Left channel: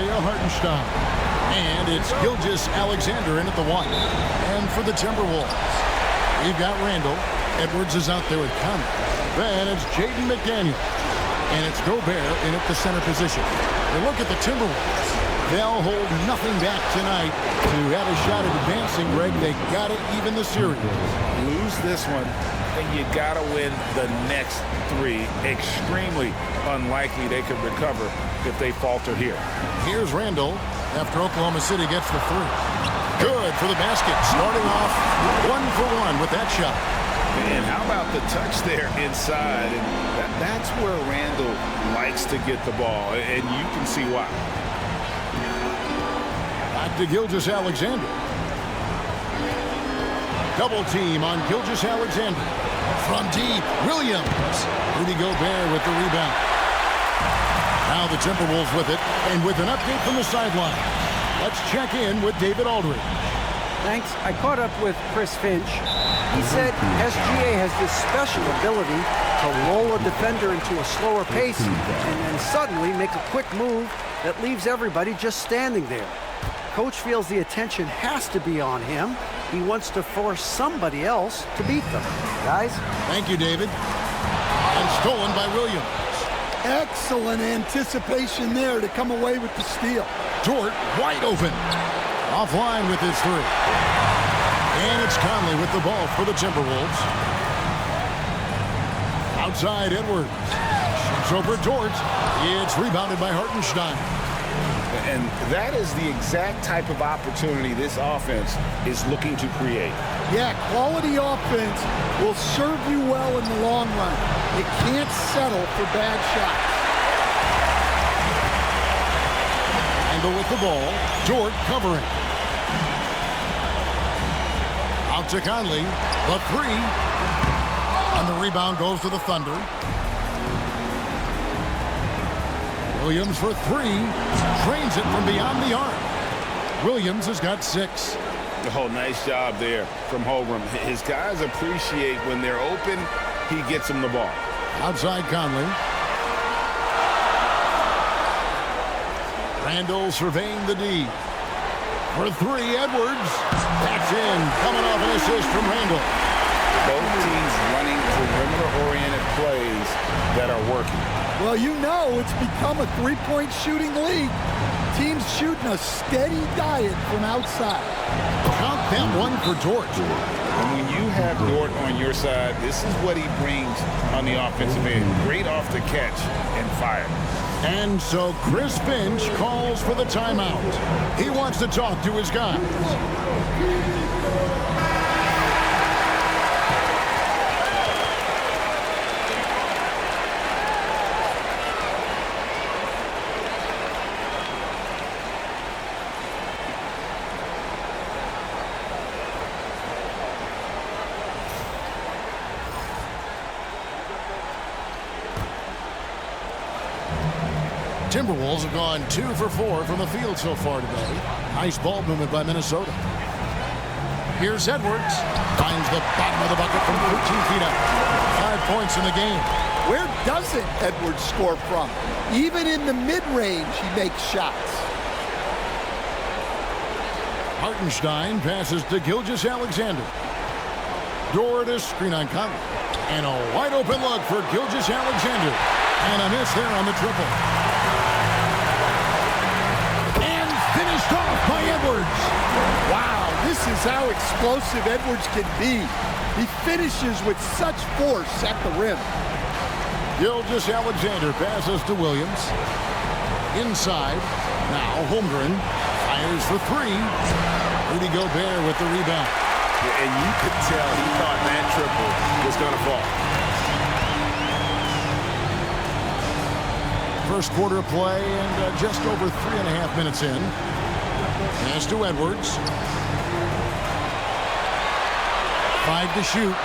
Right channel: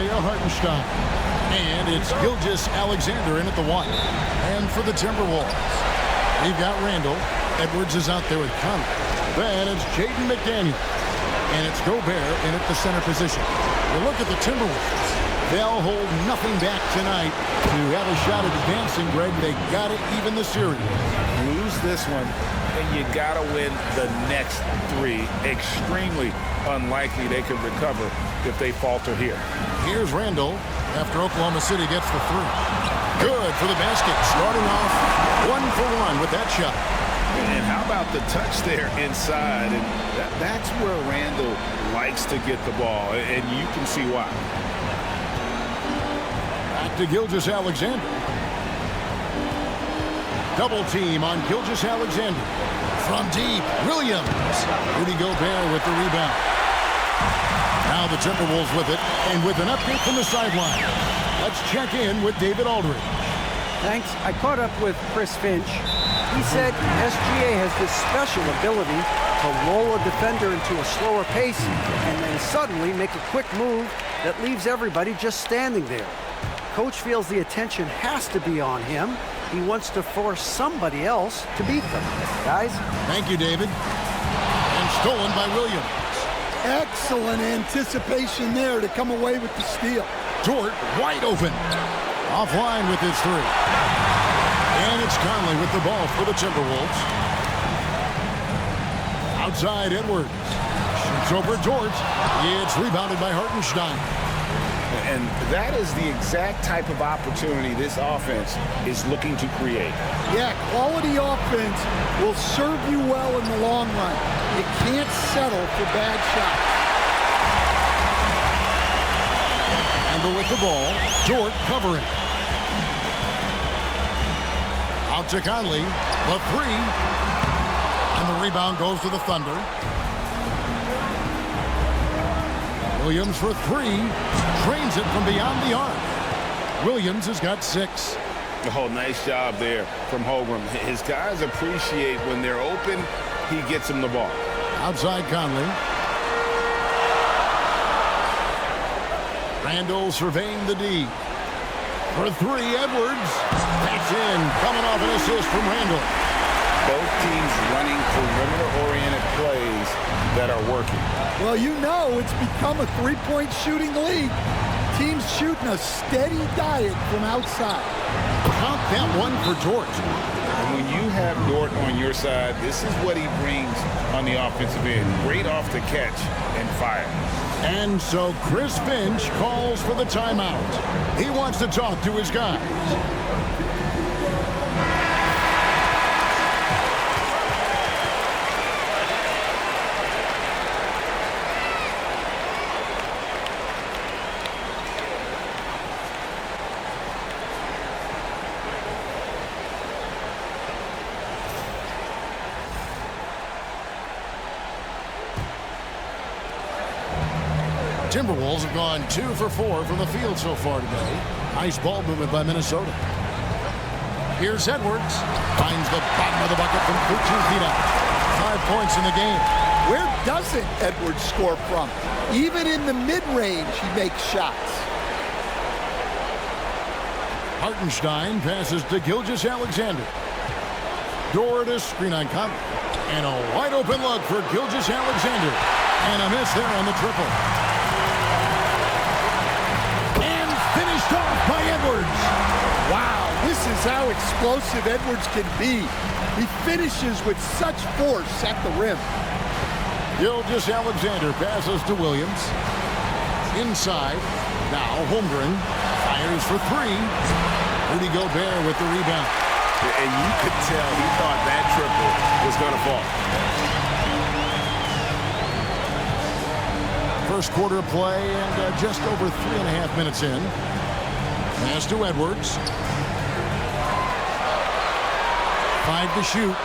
Isaiah Hartenstein. And it's Gilgeous-Alexander in at the 1. And for the Timberwolves, we've got Randall. Edwards is out there with Conley. Then it's Jaden McDaniel. And it's Gobert in at the center position. You look at the Timberwolves. They'll hold nothing back tonight to have a shot at advancing, Greg. They got to even the series. Lose this one, and you got to win the next 3. Extremely unlikely they can recover if they falter here. Here's Randall after Oklahoma City gets the 3. Good for the basket. Starting off 1 for 1 with that shot. And how about the touch there inside? And that's where Randall likes to get the ball, and you can see why. Back to Gilgeous-Alexander. Double team on Gilgeous-Alexander. From deep, Williams. Rudy Gobert with the rebound. Now the Timberwolves with it, and with an update from the sideline. Let's check in with David Aldridge. Thanks. I caught up with Chris Finch. He said SGA has this special ability to lull a defender into a slower pace and then suddenly make a quick move that leaves everybody just standing there. Coach feels the attention has to be on him. He wants to force somebody else to beat them. Guys? Thank you, David. And stolen by Williams. Excellent anticipation there to come away with the steal. Dort wide open. Offline with his 3. And it's Conley with the ball for the Timberwolves. Outside Edwards. Shoots over Dort. It's rebounded by Hartenstein. And that is the exact type of opportunity this offense is looking to create. Yeah, quality offense will serve you well in the long run. You can't settle for bad shots. Randall with the ball. Dort covering. Out to Conley. The 3. And the rebound goes to the Thunder. Williams for 3. Trains it from beyond the arc. Williams has got 6. Oh, nice job there from Holmgren. His guys appreciate when they're open, he gets them the ball. Outside Conley. Randall surveying the D. For 3, Edwards. That's in. Coming off an assist from Randall. Both teams running perimeter-oriented plays that are working. Well, you know it's become a three-point shooting league. Teams shooting a steady diet from outside. Count that one for Dort. And when you have Dort on your side, this is what he brings on the offensive end. Great off the catch and fire. And so Chris Finch calls for the timeout. He wants to talk to his guys. Timberwolves have gone 2 for 4 from the field so far today. Nice ball movement by Minnesota. Here's Edwards. Finds the bottom of the bucket from 13 feet out. 5 points in the game. Where doesn't Edwards score from? Even in the mid-range, he makes shots. Hartenstein passes to Gilgeous-Alexander. Dort is screen on Conley. And a wide open look for Gilgeous-Alexander. And a miss there on the triple. Finished off by Edwards. Wow, this is how explosive Edwards can be. He finishes with such force at the rim. Gilgeous-Alexander passes to Williams. Inside. Now Holmgren fires for 3. Rudy Gobert with the rebound. And you could tell he thought that triple was going to fall. First quarter of play and just over 3.5 minutes in. Pass to Edwards. 5 to shoot.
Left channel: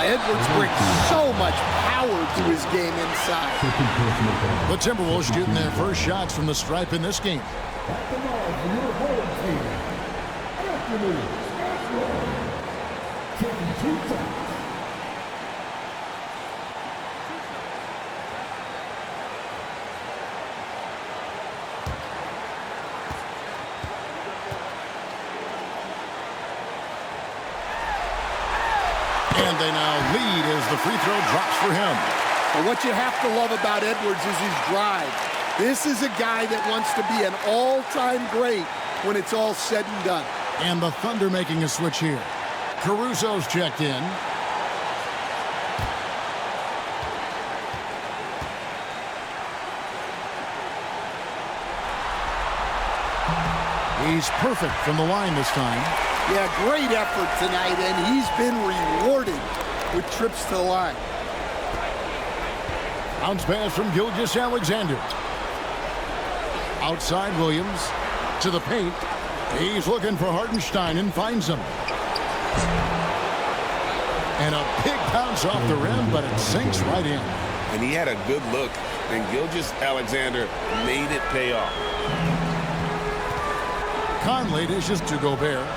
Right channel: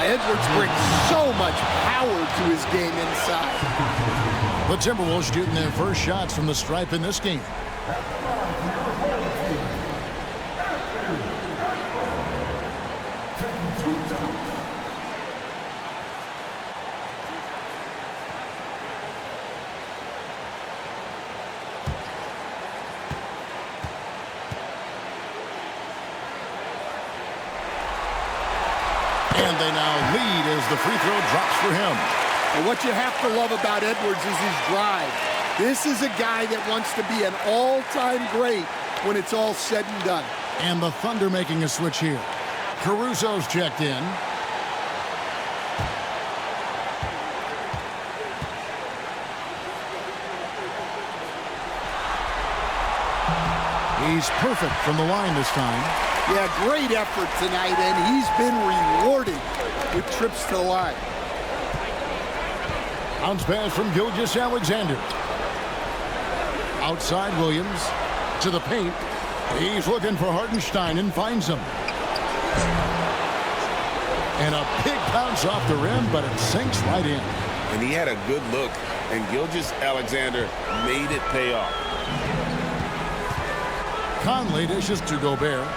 Edwards brings so much power to his game inside. The Timberwolves shooting their first shots from the stripe in this game. And they now lead as the free throw drops for him. But what you have to love about Edwards is his drive. This is a guy that wants to be an all-time great when it's all said and done. And the Thunder making a switch here. Caruso's checked in. He's perfect from the line this time. Yeah, great effort tonight, and he's been rewarded with trips to the line. Bounce pass from Gilgeous-Alexander. Outside Williams to the paint. He's looking for Hartenstein and finds him. And a big bounce off the rim, but it sinks right in. And he had a good look, and Gilgeous-Alexander made it pay off. Conley dishes to Gobert.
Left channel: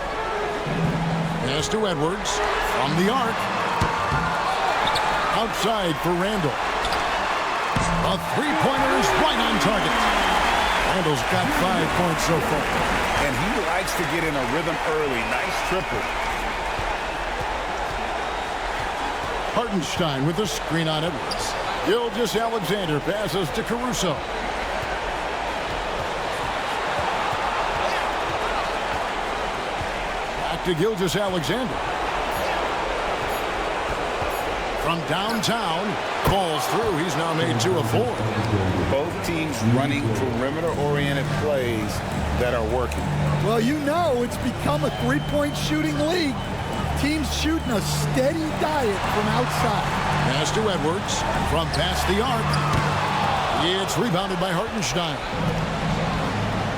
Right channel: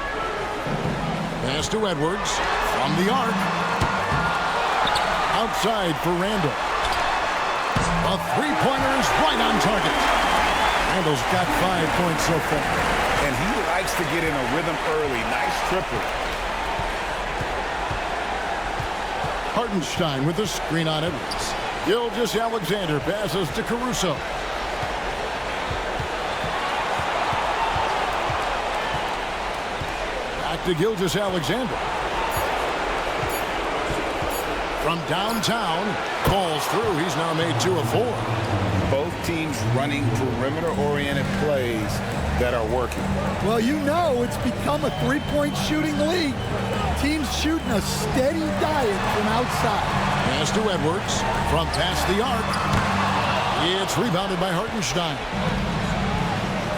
Pass to Edwards from the arc. Outside for Randall. A three-pointer is right on target. Randall's got 5 points so far. And he likes to get in a rhythm early. Nice triple. Hartenstein with the screen on Edwards. Gilgeous-Alexander passes to Caruso. Back to Gilgeous-Alexander. From downtown, falls through. He's now made 2 of 4. Both teams running perimeter-oriented plays that are working. Well, you know it's become a three-point shooting league. Teams shooting a steady diet from outside. Pass to Edwards from past the arc. It's rebounded by Hartenstein.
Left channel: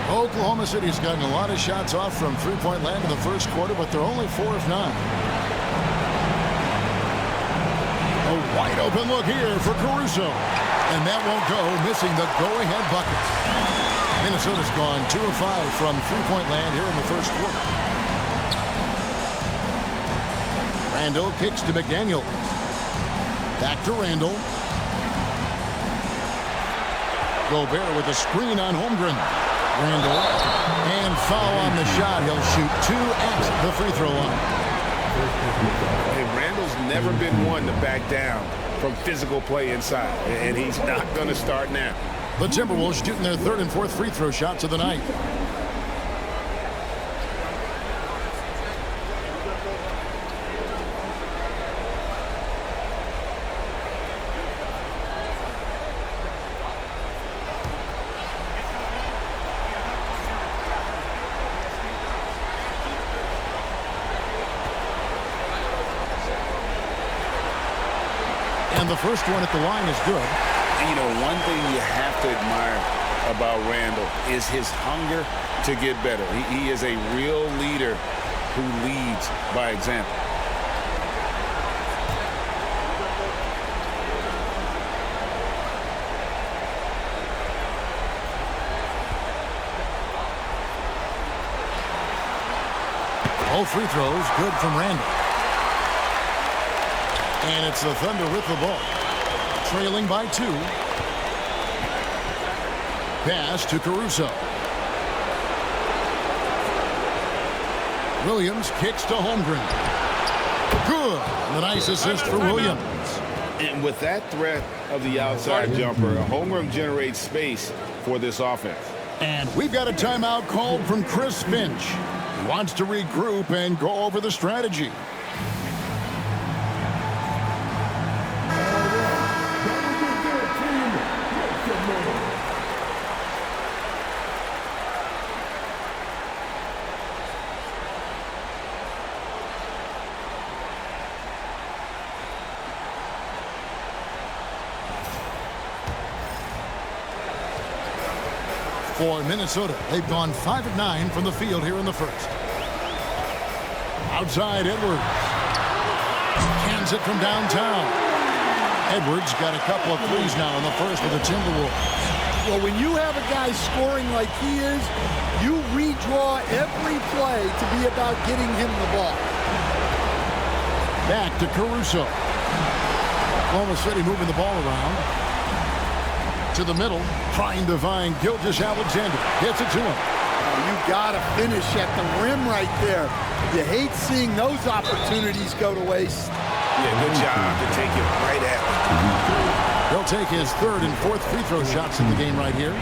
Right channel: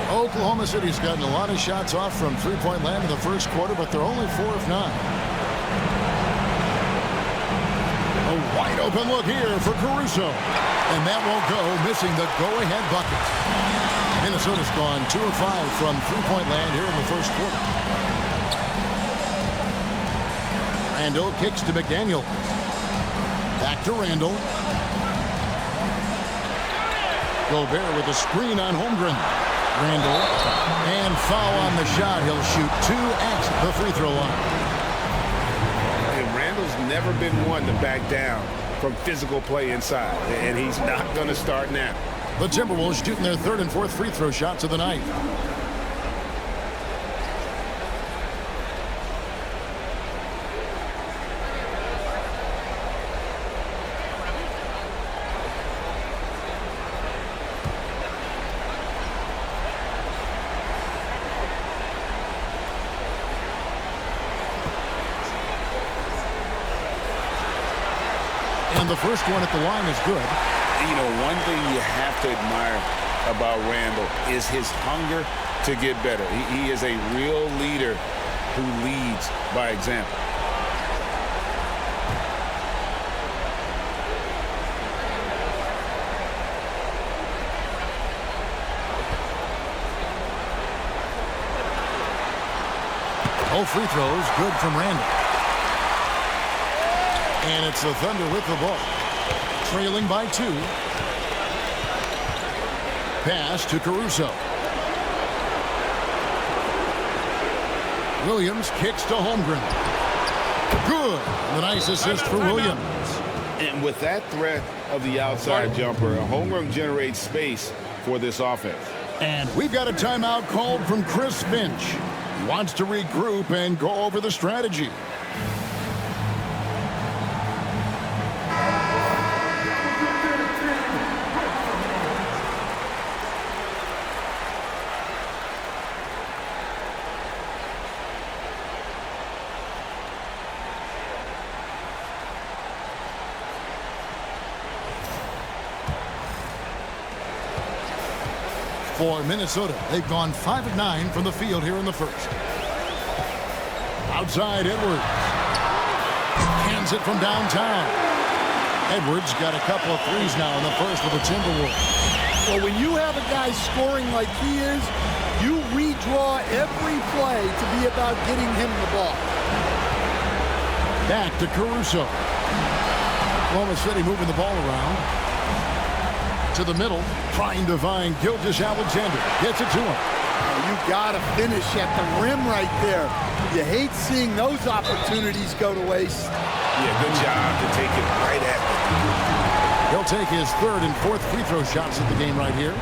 Oklahoma City's gotten a lot of shots off from three-point land in the first quarter, but they're only 4 of 9. A wide open look here for Caruso. And that won't go, missing the go-ahead bucket. Minnesota's gone 2 of 5 from three-point land here in the first quarter. Randall kicks to McDaniel. Back to Randall. Gobert with a screen on Holmgren. Randall. And foul on the shot. He'll shoot 2 at the free throw line. And Randall's never been one to back down from physical play inside. And he's not going to start now. The Timberwolves shooting their 3rd and 4th free throw shots of the night. And the first one at the line is good. You know, one thing you have to admire about Randall is his hunger to get better. He is a real leader who leads by example. Both free throws good from Randall. And it's the Thunder with the ball. Trailing by 2. Pass to Caruso. Williams kicks to Holmgren. Good. And a nice assist for Williams. And with that threat of the outside jumper, Holmgren generates space for this offense. And we've got a timeout called from Chris Finch. He wants to regroup and go over the strategy. For Minnesota, they've gone 5 of 9 from the field here in the first. Outside Edwards. Cans it from downtown. Edwards got a couple of threes now in the first with the Timberwolves. Well, when you have a guy scoring like he is, you redraw every play to be about getting him the ball. Back to Caruso. Oklahoma City moving the ball around. To the middle, trying to find Gilgeous-Alexander. Gets it to him. Oh, you got to finish at the rim right there. You hate seeing those opportunities go to waste. Yeah, good job to take it right at them. He'll take his third and fourth free throw shots in the game right here.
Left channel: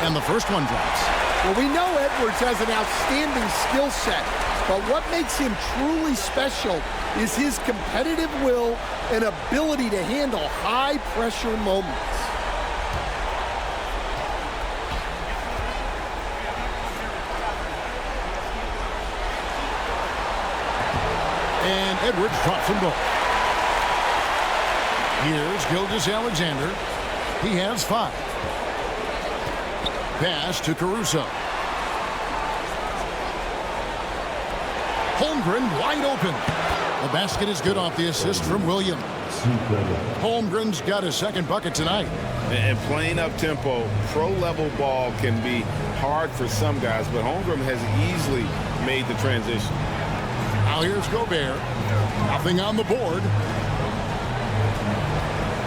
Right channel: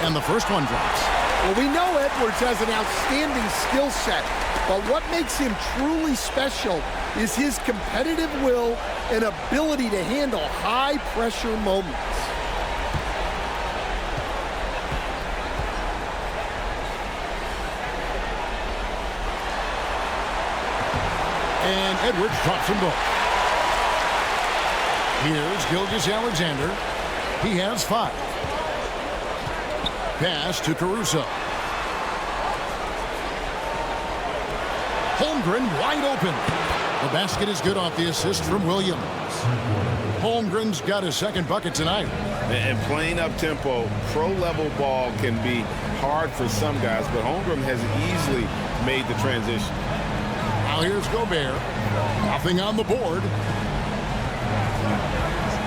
And the first one drops. Well, we know Edwards has an outstanding skill set, but what makes him truly special is his competitive will and ability to handle high-pressure moments. And Edwards drops them both. Here's Gilgeous-Alexander. He has 5. Pass to Caruso. Holmgren wide open. The basket is good off the assist from Williams. Holmgren's got his second bucket tonight. And playing up-tempo, pro-level ball can be hard for some guys, but Holmgren has easily made the transition. Now here's Gobert. Nothing on the board.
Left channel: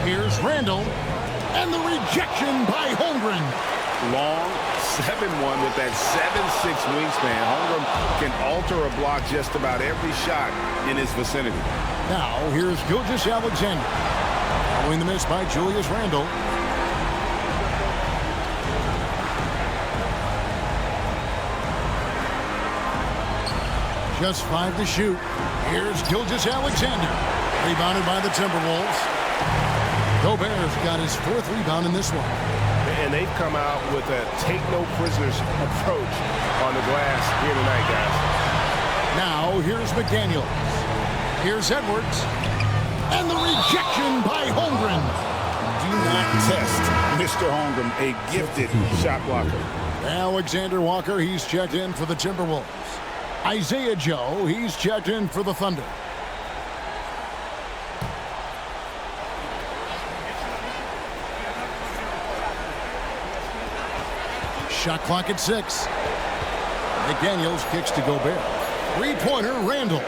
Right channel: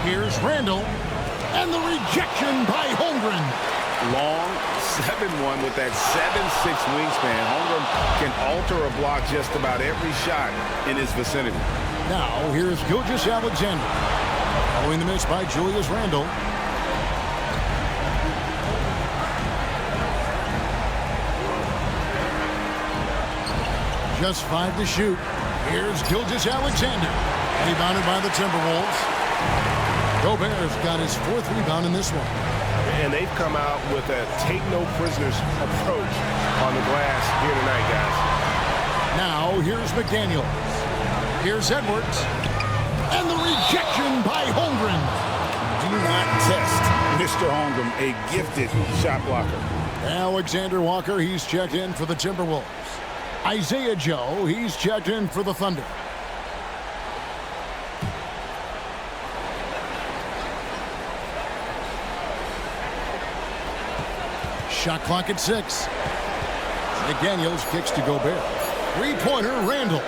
Here's Randall. And the rejection by Holmgren. Long 7-1 with that 7'6" wingspan. Holmgren can alter a block just about every shot in his vicinity. Now here's Gilgeous-Alexander. Following the miss by Julius Randle. Just 5 to shoot. Here's Gilgeous-Alexander. Rebounded by the Timberwolves. Gobert's got his 4th rebound in this one. And they've come out with a take-no-prisoners approach on the glass here tonight, guys. Now, here's McDaniels. Here's Edwards. And the rejection by Holmgren. Do not test Mr. Holmgren, a gifted shot blocker. Alexander Walker, he's checked in for the Timberwolves. Isaiah Joe, he's checked in for the Thunder. Shot clock at 6. McDaniels kicks to Gobert. Three-pointer, Randall.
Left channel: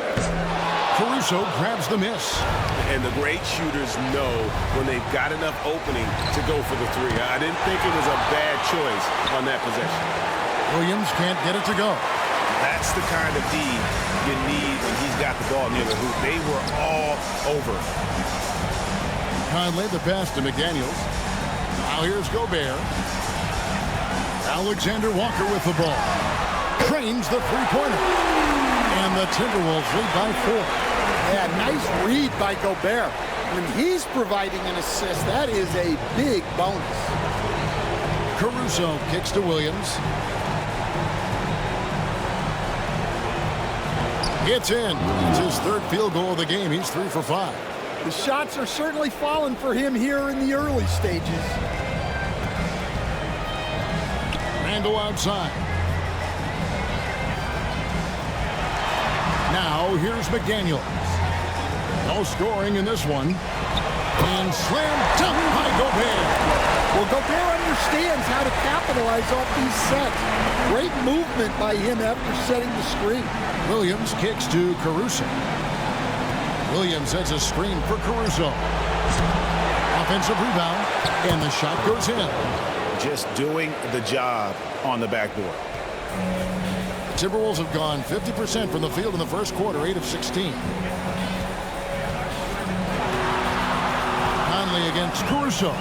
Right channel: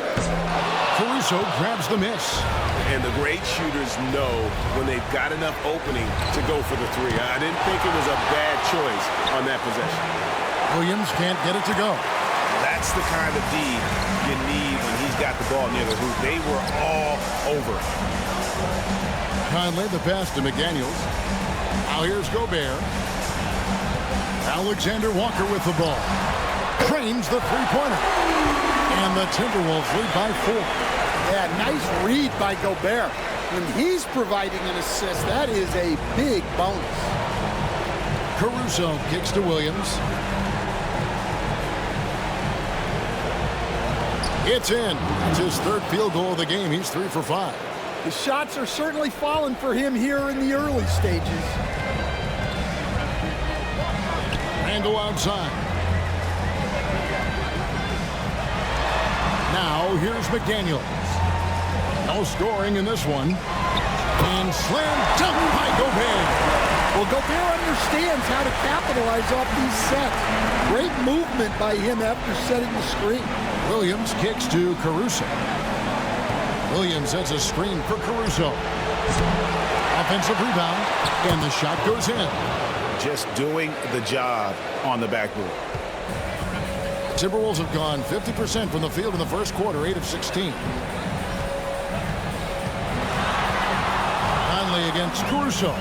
Caruso grabs the miss. And the great shooters know when they've got enough opening to go for the 3. I didn't think it was a bad choice on that possession. Williams can't get it to go. That's the kind of D you need when he's got the ball near the hoop. They were all over him. Conley, the pass to McDaniels. Now here's Gobert. Alexander Walker with the ball. Trains the three-pointer. And the Timberwolves lead by 4. Yeah, nice read by Gobert. When he's providing an assist, that is a big bonus. Caruso kicks to Williams. It's in. It's his 3rd field goal of the game. He's 3 for 5. The shots are certainly falling for him here in the early stages. Randall outside. Now here's McDaniels. No scoring in this one. And slam dunk by Gobert. Well, Gobert understands how to capitalize off these sets. Great movement by him after setting the screen. Williams kicks to Caruso. Williams sets a screen for Caruso. Offensive rebound, and the shot goes in. Just doing the job on the backboard. The Timberwolves have gone 50% from the field in the first quarter, 8 of 16. Conley against Caruso.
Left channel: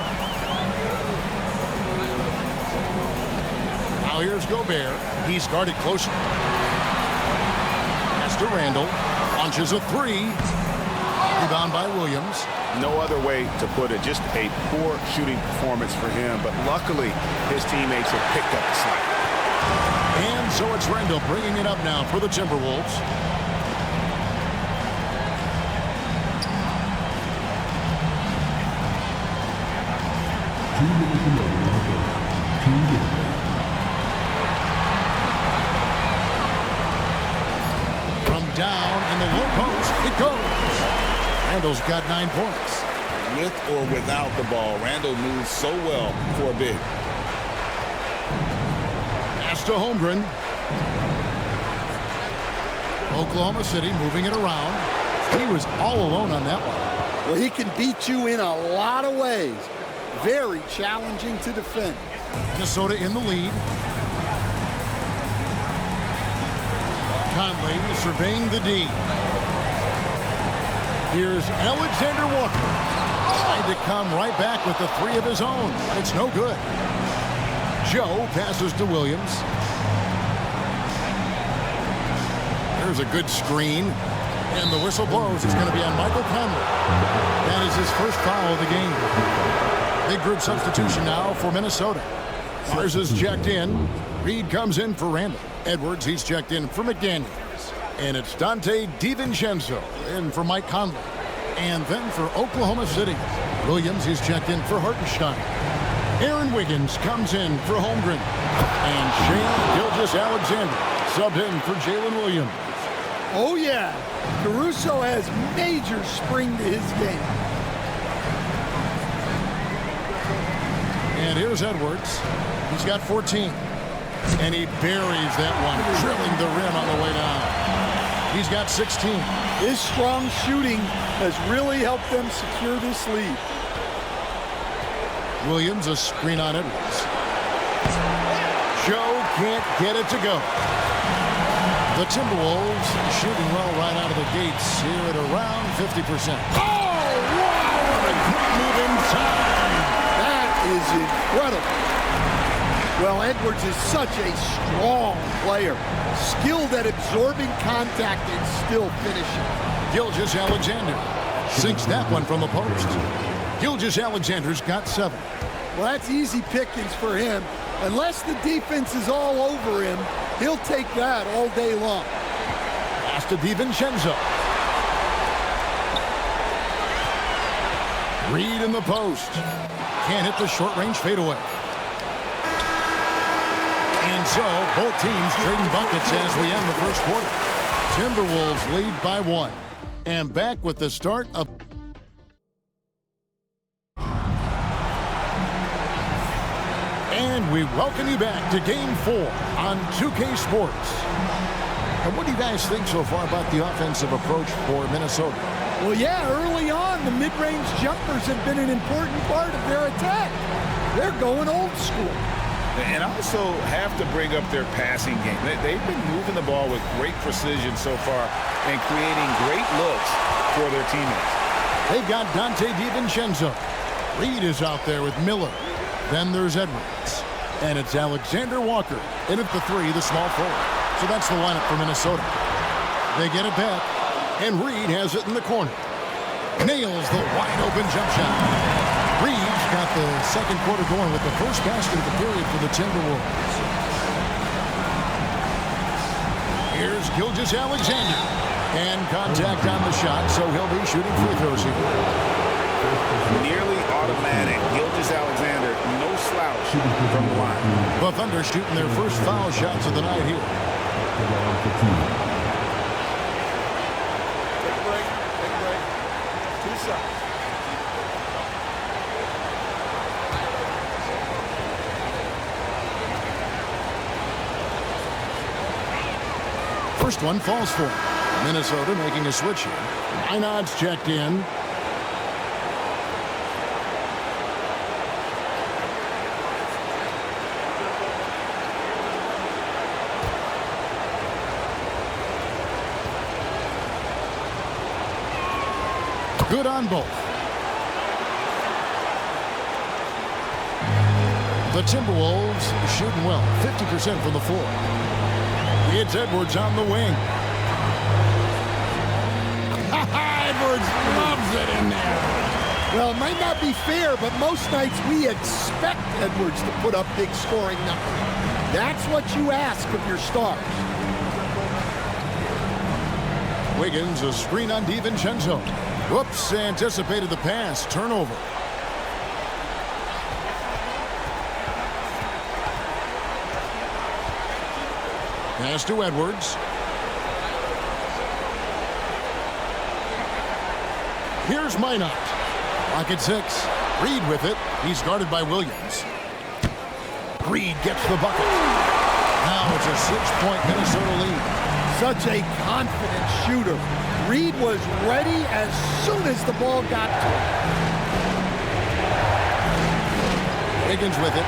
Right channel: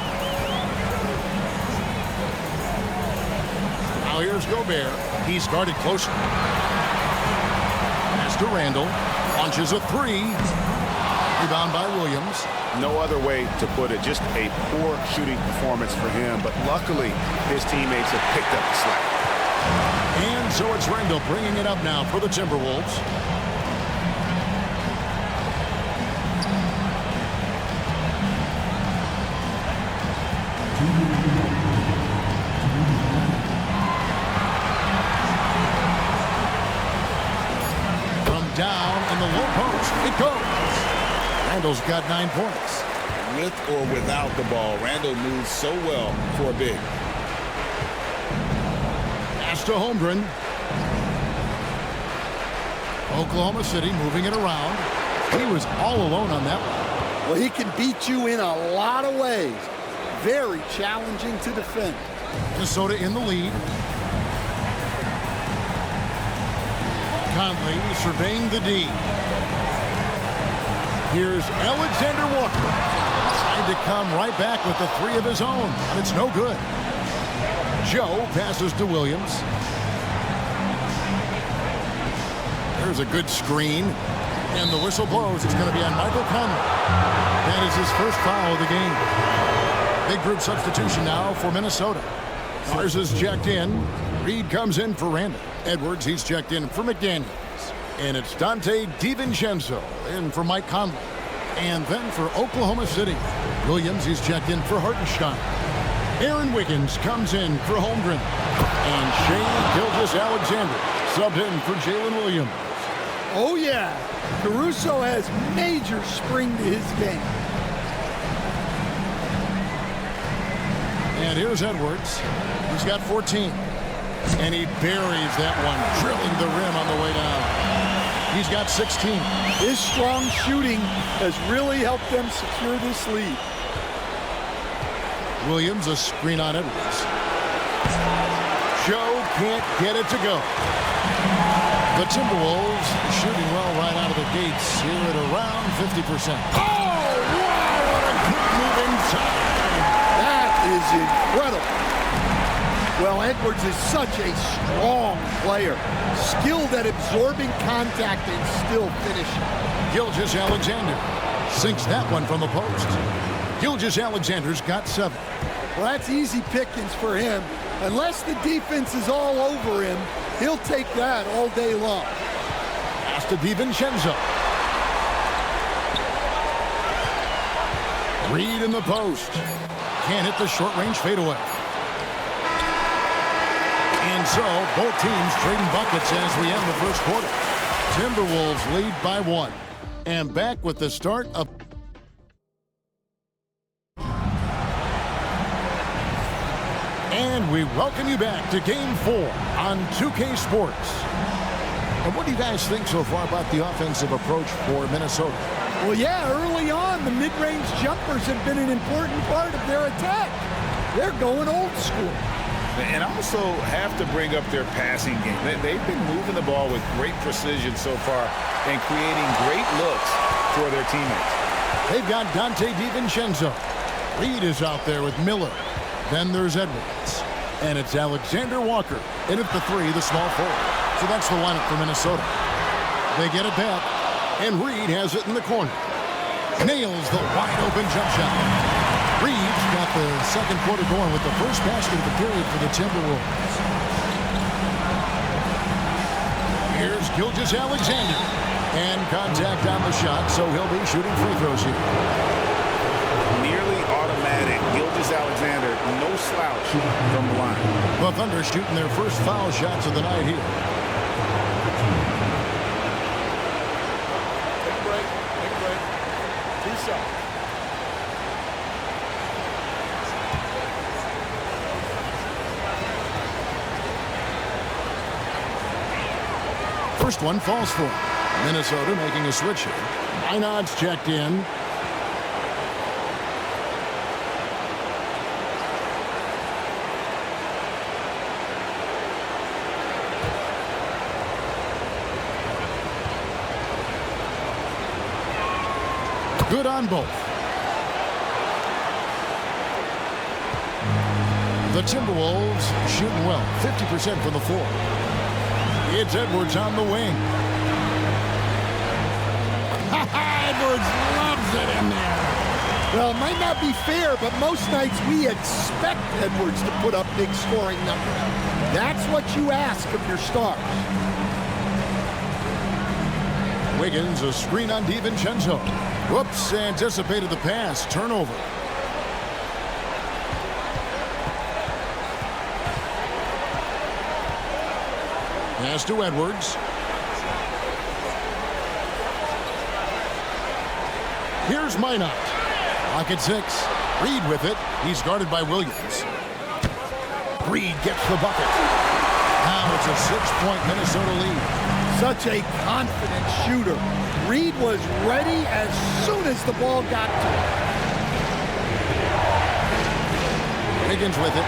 Now here's Gobert. He's guarded closely. Pass to Randall. Launches a 3. Rebound by Williams. No other way to put it. Just a poor shooting performance for him. But luckily, his teammates have picked up the slack. And so it's Randall bringing it up now for the Timberwolves. From down in the low post, it goes. Randall's got 9 points. With or without the ball, Randall moves so well for a big. Pass to Holmgren. Oklahoma City moving it around. He was all alone on that one. Well, he can beat you in a lot of ways. Very challenging to defend. Minnesota in the lead. Conley surveying the D. Here's Alexander Walker. Tried to come right back with the three of his own, but it's no good. Joe passes to Williams. There's a good screen. And the whistle blows. It's going to be on Michael Conley. That is his first foul of the game. Big group substitution now for Minnesota. Mars is checked in. Reed comes in for Randall. Edwards, he's checked in for McDaniels. And it's Dante DiVincenzo in for Mike Conley. And then for Oklahoma City, Williams, he's checked in for Hartenstein. Aaron Wiggins comes in for Holmgren. And Shea Gilgeous-Alexander subbed in for Jalen Williams. Oh, yeah. Caruso has major spring to his game. And here's Edwards. He's got 14. And he buries that one, drilling the rim on the way down. He's got 16. His strong shooting has really helped them secure this lead. Williams, a screen on Edwards. Joe can't get it to go. The Timberwolves shooting well right out of the gates here at around 50%. Oh, wow, what a great move inside. That is incredible. Well, Edwards is such a strong player, skilled at absorbing contact and still finishing. Gilgeous-Alexander sinks that one from the post. Gilgeous-Alexander's got 7. Well, that's easy pickings for him. Unless the defense is all over him, he'll take that all day long. Pass to DiVincenzo. Reed in the post. Can't hit the short-range fadeaway. And so, both teams trading buckets as we end the first quarter. Timberwolves lead by 1. And back with the start of... And we welcome you back to Game 4 on 2K Sports. And what do you guys think so far about the offensive approach for Minnesota? Well, yeah, early on, the mid-range jumpers have been an important part of their attack. They're going old school. And also have to bring up their passing game. They've been moving the ball with great precision so far and creating great looks for their teammates. They've got Dante DiVincenzo. Reed is out there with Miller. Then there's Edwards. And it's Alexander Walker in at the 3, the small forward. So that's the lineup for Minnesota. They get it back, and Reed has it in the corner. Nails the wide-open jump shot. Reed's got the second quarter going with the first basket of the period for the Timberwolves. Here's Gilgeous-Alexander. And contact on the shot, so he'll be shooting free throws here. Nearly automatic. Gilgeous-Alexander, no slouch from the line. The Thunder shooting their first foul shots of the night here. Take a break. Take a break. 2 shots. First one falls for him. Minnesota making a switch here. Minot's checked in. Good on both. The Timberwolves shooting well, 50% from the floor. It's Edwards on the wing. Edwards loves it in there. Well, it might not be fair, but most nights we expect Edwards to put up big scoring numbers. That's what you ask of your stars. Wiggins, a screen on DiVincenzo. Whoops, anticipated the pass. Turnover. Pass to Edwards. Here's Minot. Lock at 6. Reed with it. He's guarded by Williams. Reed gets the bucket. Now it's a 6-point Minnesota lead. Such a confident shooter. Reed was ready as soon as the ball got to him. Wiggins with it.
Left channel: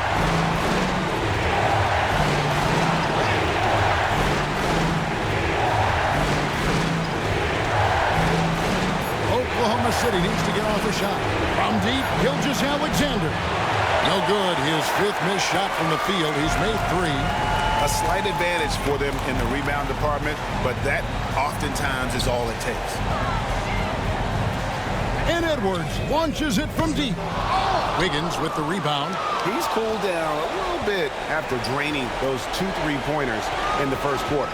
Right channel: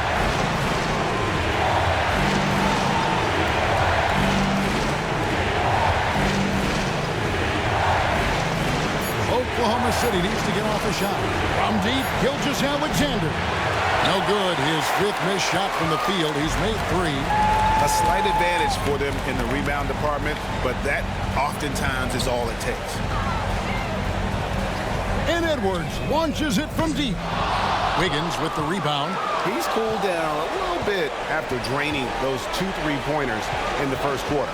Oklahoma City needs to get off a shot. From deep, Gilgeous-Alexander. No good. His 5th missed shot from the field. He's made 3. A slight advantage for them in the rebound department, but that oftentimes is all it takes. And Edwards launches it from deep. Wiggins with the rebound. He's cooled down a little bit after draining those 2 3-pointers in the first quarter.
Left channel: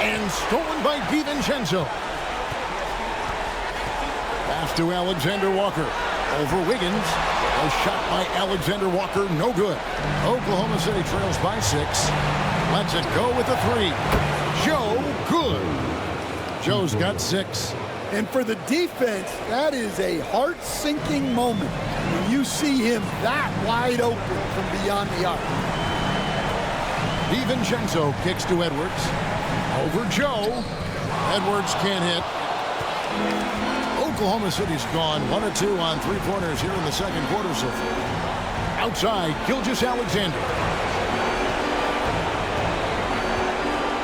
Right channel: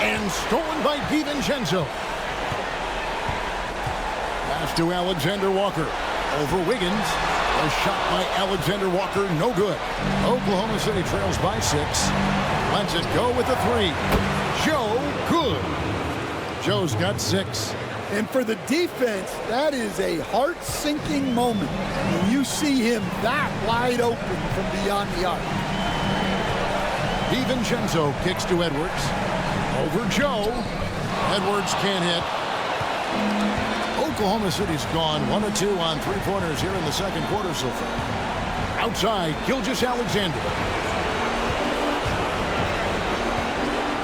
And stolen by DiVincenzo. Pass to Alexander Walker. Over Wiggins. A shot by Alexander Walker, no good. Oklahoma City trails by 6. Lets it go with a 3. Joe, good. Joe's got 6. And for the defense, that is a heart-sinking moment when you see him that wide open from beyond the arc. DiVincenzo kicks to Edwards. Over Joe. Edwards can't hit. Oklahoma City's gone 1 of 2 on 3-pointers here in the second quarter so far. Outside, Gilgeous-Alexander.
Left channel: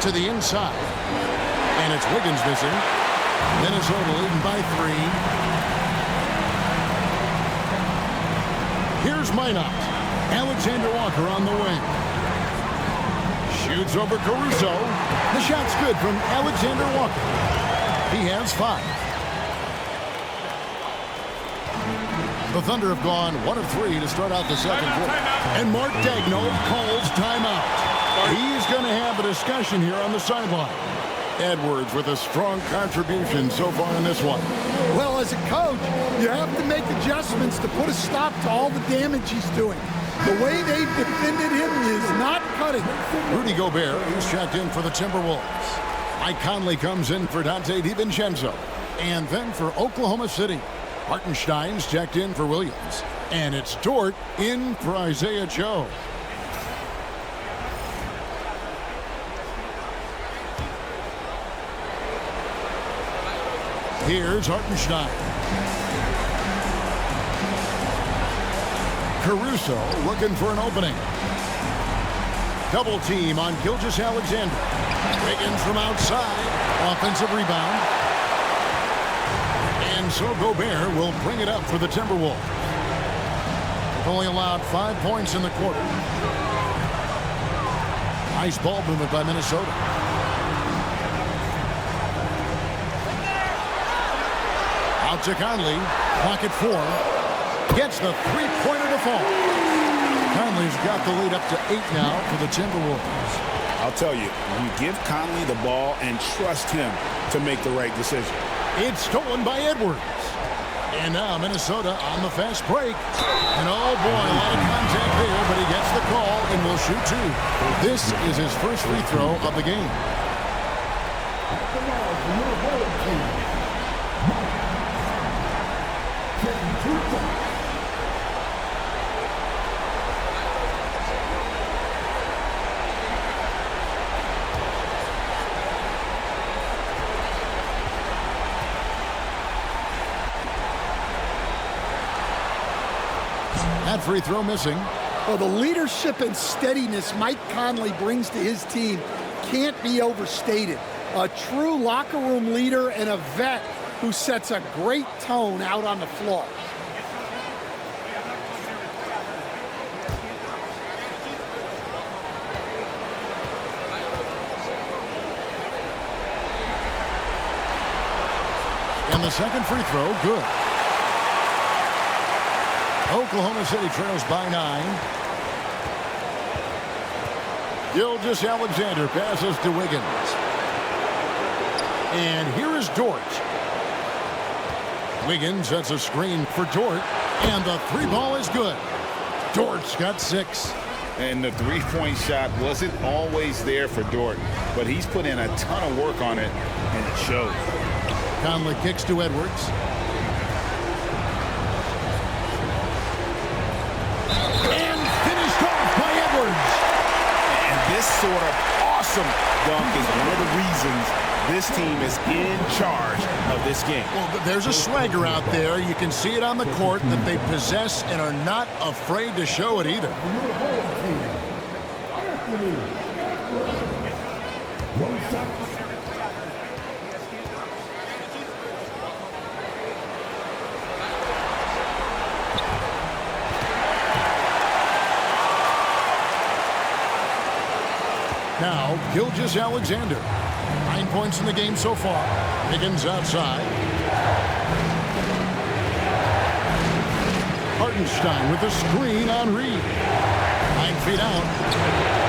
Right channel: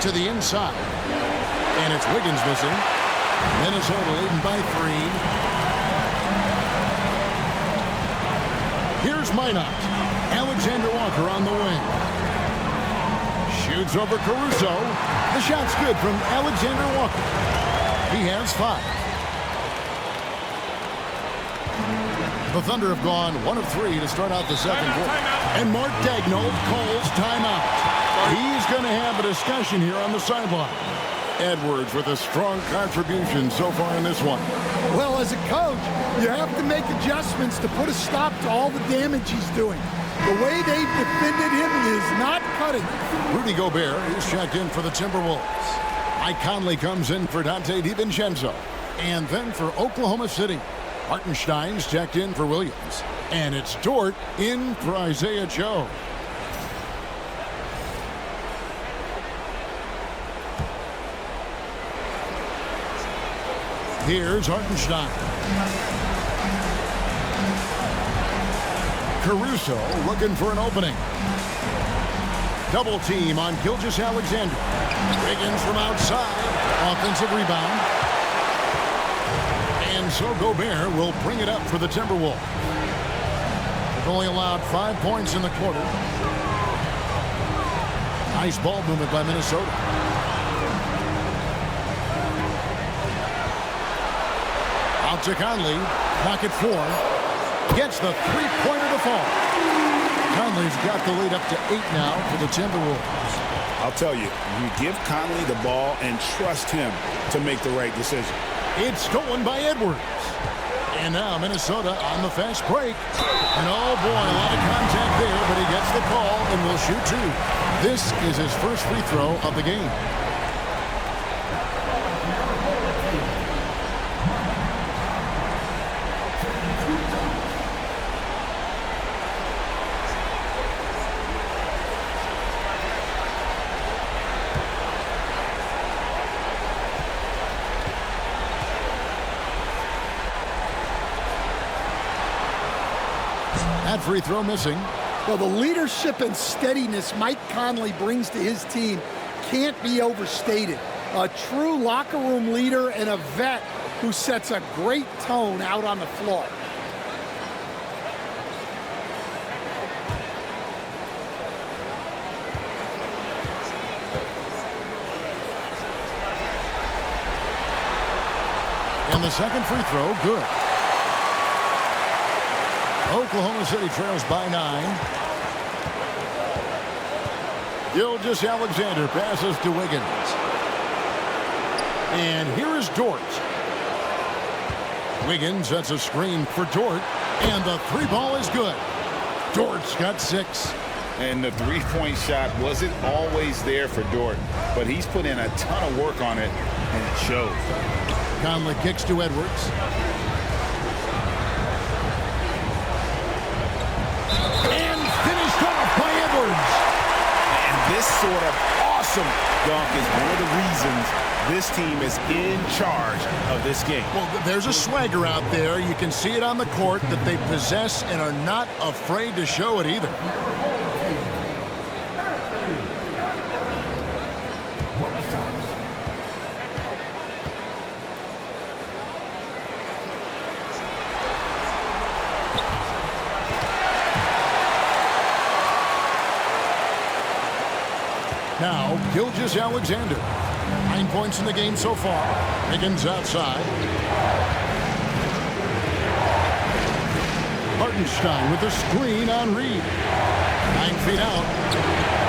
To the inside. And it's Wiggins missing. Minnesota leading by 3. Here's Minot. Alexander Walker on the wing. Shoots over Caruso. The shot's good from Alexander Walker. He has 5. The Thunder have gone 1 of 3 to start out the second quarter. And Mark Daigneault calls timeout. He's going to have a discussion here on the sideline. Edwards with a strong contribution so far in this one. Well, as a coach, you have to make adjustments to put a stop to all the damage he's doing. The way they've defended him is not cutting it. Rudy Gobert, he's checked in for the Timberwolves. Mike Conley comes in for Dante DiVincenzo. And then for Oklahoma City, Hartenstein's checked in for Williams. And it's Dort in for Isaiah Joe. Here's Hartenstein. Caruso looking for an opening. Double team on Gilgeous-Alexander. Wiggins from outside. Offensive rebound. And so Gobert will bring it up for the Timberwolves. They've only allowed 5 points in the quarter. Nice ball movement by Minnesota. Out to Conley. Clock at 4. Gets the 3-pointer to fall. Conley's got the lead up to 8 now for the Timberwolves. I'll tell you, you give Conley the ball and trust him to make the right decision. It's stolen by Edwards. And now Minnesota on the fast break. And oh boy, a lot of contact there, but he gets the call and will shoot 2. This is his first free throw of the game. That free throw missing. Well, the leadership and steadiness Mike Conley brings to his team can't be overstated. A true locker room leader and a vet who sets a great tone out on the floor. And the second free throw, good. Oklahoma City trails by 9. Gilgeous-Alexander passes to Wiggins. And here is Dort. Wiggins sets a screen for Dort. And the 3-ball is good. Dort's got 6. And the 3-point shot wasn't always there for Dort, but he's put in a ton of work on it, and it shows. Conley kicks to Edwards. And finished off by Edwards. And this sort of awesome dunk is one of the reasons this team is in charge of this game. Well, there's a swagger out there. You can see it on the court that they possess and are not afraid to show it either. Now, Gilgeous-Alexander. 9 points in the game so far. Higgins outside. Hartenstein with a screen on Reed. 9 feet out.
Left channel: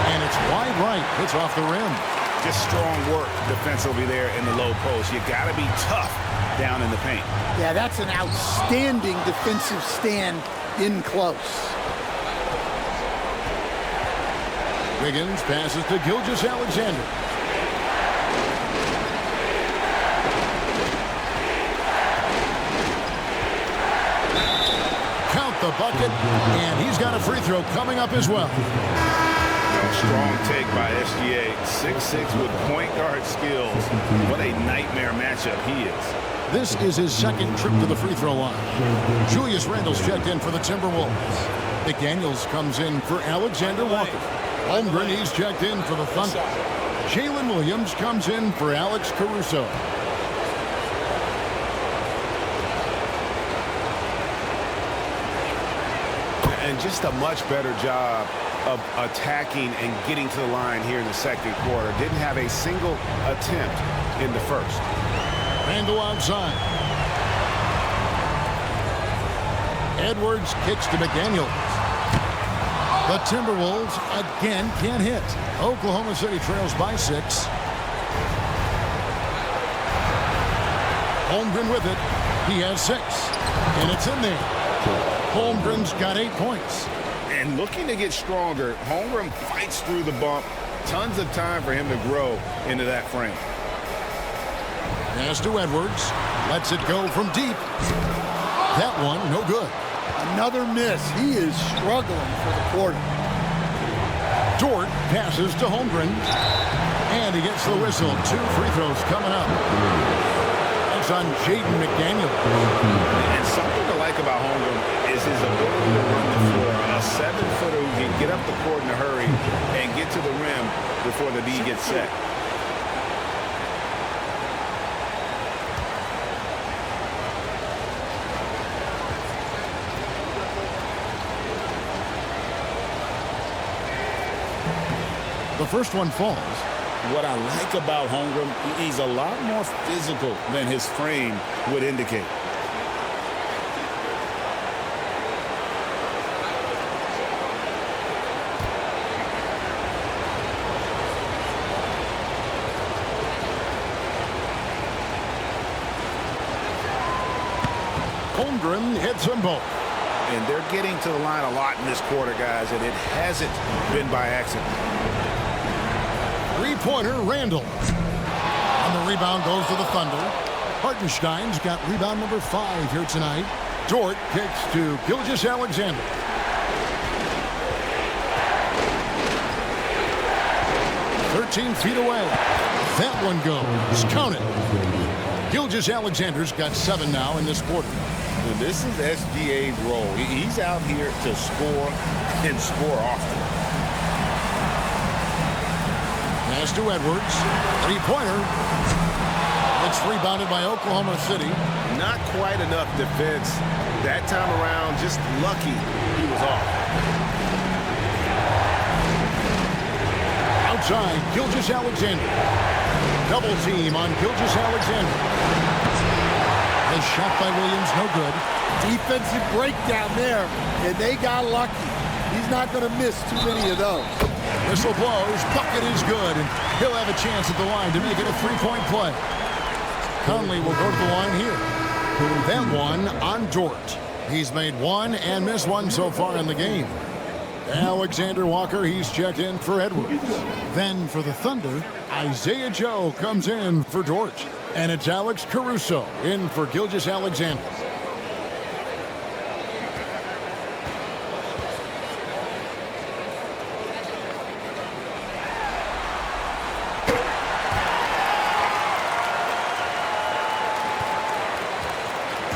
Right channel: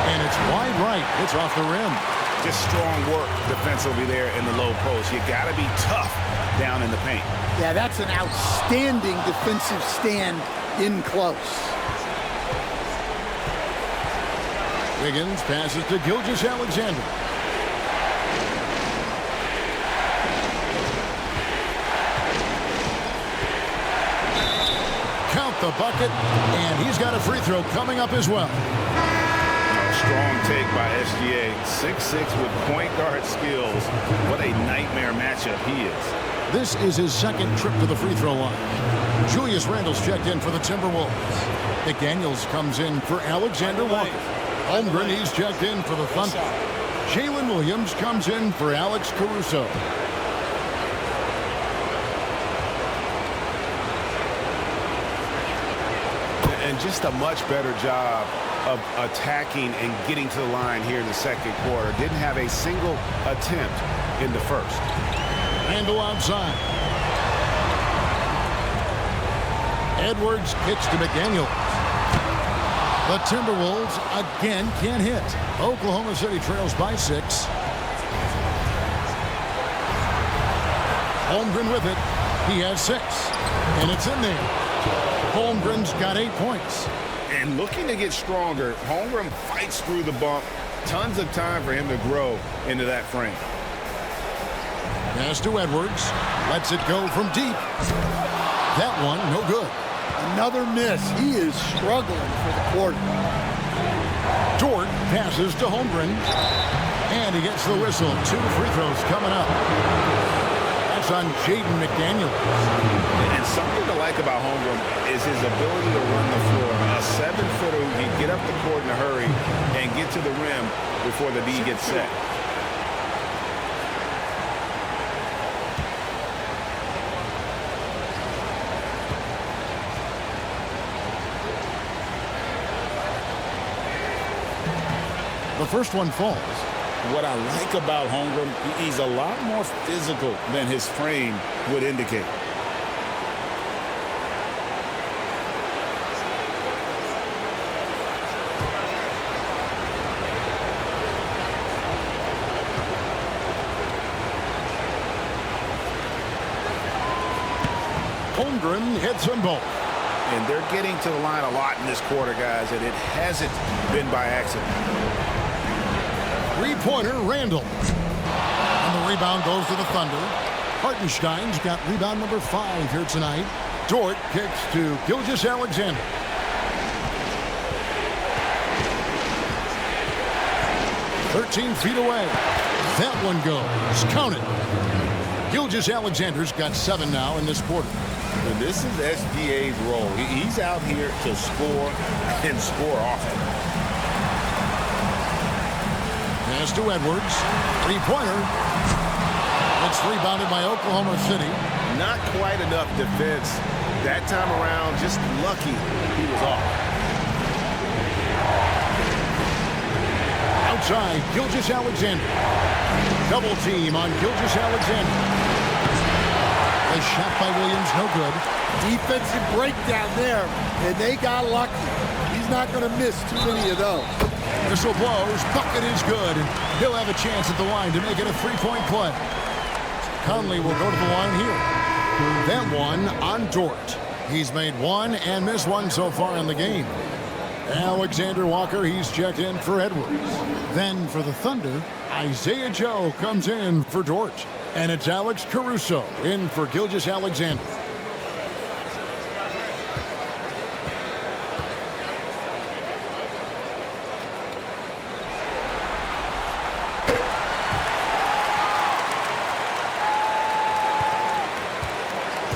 And it's wide right. It's off the rim. Just strong work defensively there in the low post. You got to be tough down in the paint. Yeah, that's an outstanding defensive stand in close. Wiggins passes to Gilgeous-Alexander. Count the bucket, and he's got a free throw coming up as well. Strong take by SGA. 6'6" with point guard skills. What a nightmare matchup he is. This is his second trip to the free throw line. Julius Randle's checked in for the Timberwolves. McDaniels comes in for Alexander Walker. Holmgren, he's checked in for the Thunder. Jalen Williams comes in for Alex Caruso. And just a much better job of attacking and getting to the line here in the second quarter. Didn't have a single attempt in the first. Randle outside. Edwards kicks to McDaniels. The Timberwolves again can't hit. Oklahoma City trails by 6. Holmgren with it. He has 6. And it's in there. Holmgren's got 8 points. And looking to get stronger, Holmgren fights through the bump. Tons of time for him to grow into that frame. Pass to Edwards. Lets it go from deep. That one, no good. Another miss. He is struggling for the quarter. Dort passes to Holmgren. And he gets the whistle. 2 free throws coming up. That's on Jaden McDaniels. And something to like about Holmgren is his ability to run the floor. A 7-footer who can get up the court in a hurry and get to the rim before the D gets set. The first one falls. What I like about Holmgren, he's a lot more physical than his frame would indicate. Holmgren hits them both. And they're getting to the line a lot in this quarter, guys, and it hasn't been by accident. Three-pointer, Randle. And the rebound goes to the Thunder. Hartenstein's got rebound number 5 here tonight. Dort kicks to Gilgeous-Alexander. "13 feet away. That one goes. Count it. Gilgeous-Alexander's got 7 now in this quarter. And this is SGA's role. He's out here to score and score often. Pass to Edwards. Three-pointer. It's rebounded by Oklahoma City. Not quite enough defense that time around. Just lucky he was off. Outside, Gilgeous-Alexander. Double team on Gilgeous-Alexander. The shot by Williams, no good. Defensive breakdown there, and they got lucky. He's not going to miss too many of those. Whistle blows, bucket is good, and he'll have a chance at the line to make it a 3-point play. Conley will go to the line here. That one on Dort. He's made 1 and missed 1 so far in the game. Alexander Walker, he's checked in for Edwards. Then for the Thunder, Isaiah Joe comes in for Dort. And it's Alex Caruso in for Gilgeous-Alexander.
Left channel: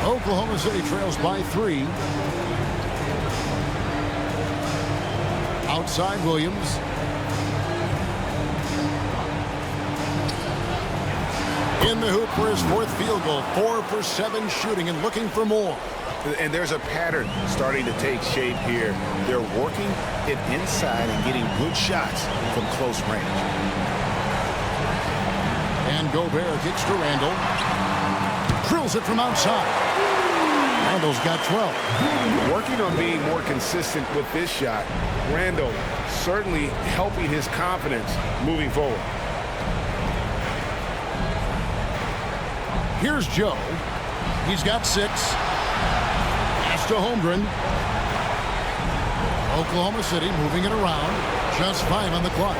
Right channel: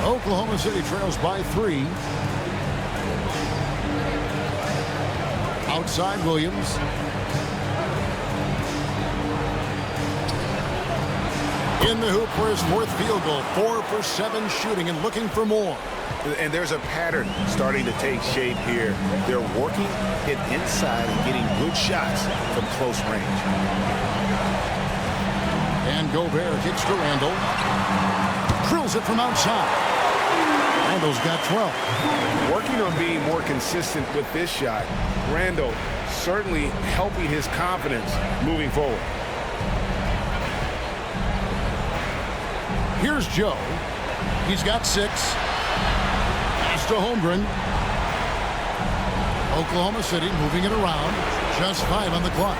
Oklahoma City trails by 3. Outside Williams. In the hoop for his 4th field goal. 4 for 7 shooting and looking for more. And there's a pattern starting to take shape here. They're working it inside and getting good shots from close range. And Gobert kicks to Randall. Drills it from outside. Randall's got 12. Working on being more consistent with this shot. Randall certainly helping his confidence moving forward. Here's Joe. He's got 6. Pass to Holmgren. Oklahoma City moving it around. Just 5 on the clock.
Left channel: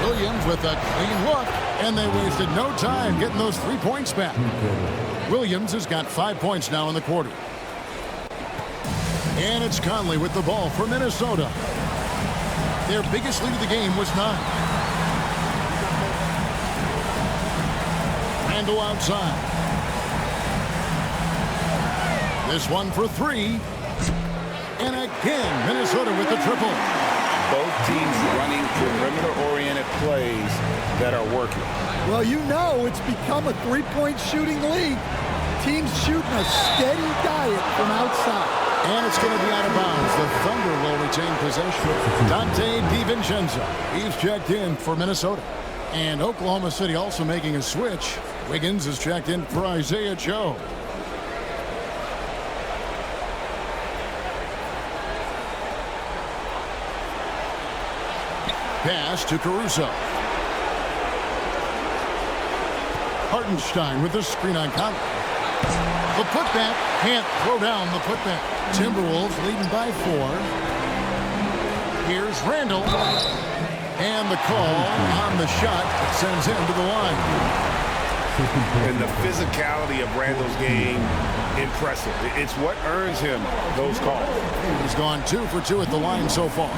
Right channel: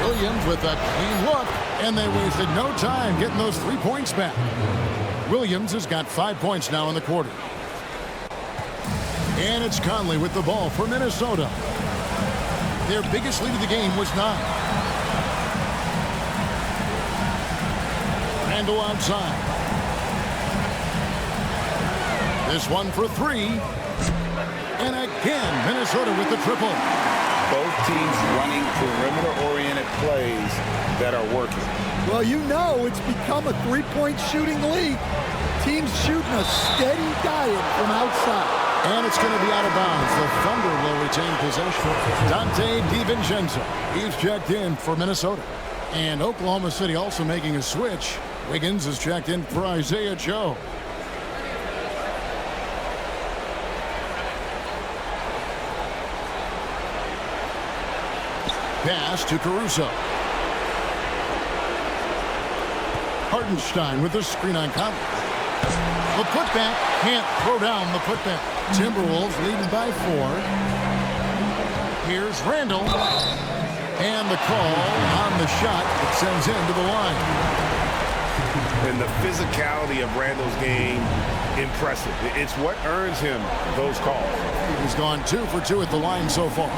Williams with a clean look, and they wasted no time getting those 3 points back. Williams has got 5 points now in the quarter. And it's Conley with the ball for Minnesota. Their biggest lead of the game was 9. Randall outside. This one for 3. And again, Minnesota with the triple. Both teams running perimeter-oriented plays that are working. Well, you know it's become a three-point shooting league. Teams shooting a steady diet from outside. And it's going to be out of bounds. The Thunder will retain possession. Dante DiVincenzo. He's checked in for Minnesota. And Oklahoma City also making a switch. Wiggins is checked in for Isaiah Joe. Pass to Caruso. Hartenstein with the screen on Conley. The putback, can't throw down the putback. Timberwolves leading by 4. Here's Randall. And the call on the shot that sends him to the line. And the physicality of Randall's game, impressive. It's what earns him those calls. He's gone 2 for 2 at the line so far.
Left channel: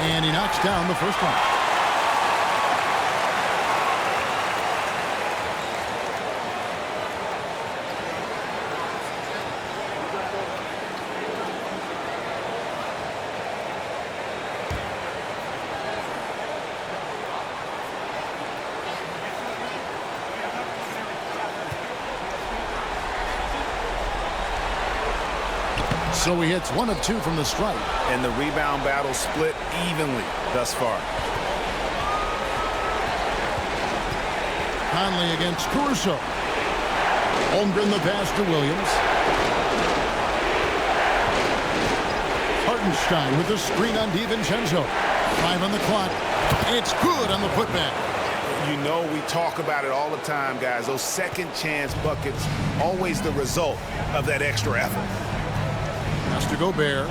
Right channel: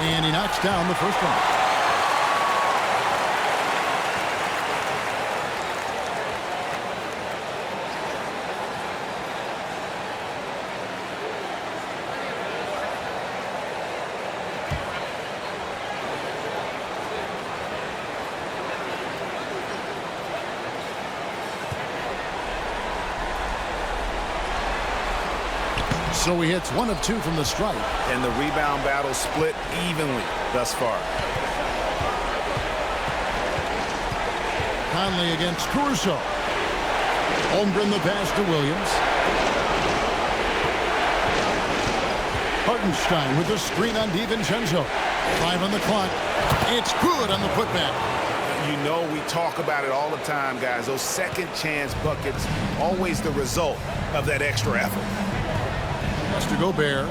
And he knocks down the first one. So he hits 1 of 2 from the stripe. And the rebound battle split evenly thus far. Conley against Caruso. Holmgren the pass to Williams. Hartenstein with the screen on DiVincenzo. 5 on the clock. It's good on the putback. You know we talk about it all the time, guys. Those second chance buckets, always the result of that extra effort. Pass to Gobert.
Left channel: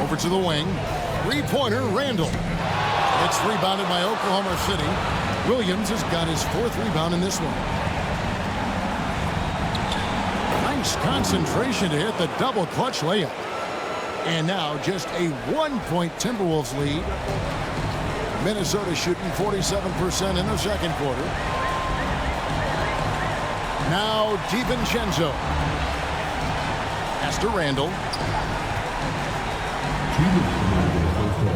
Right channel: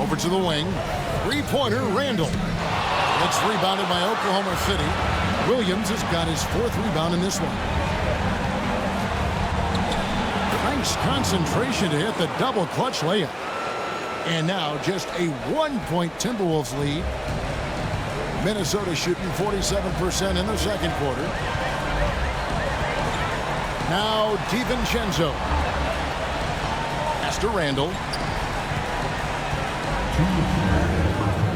Over to the wing. 3-pointer, Randall. It's rebounded by Oklahoma City. Williams has got his 4th rebound in this one. Nice concentration to hit the double clutch layup. And now just a 1-point Timberwolves lead. Minnesota shooting 47% in the second quarter. Now DiVincenzo. Pass to Randall.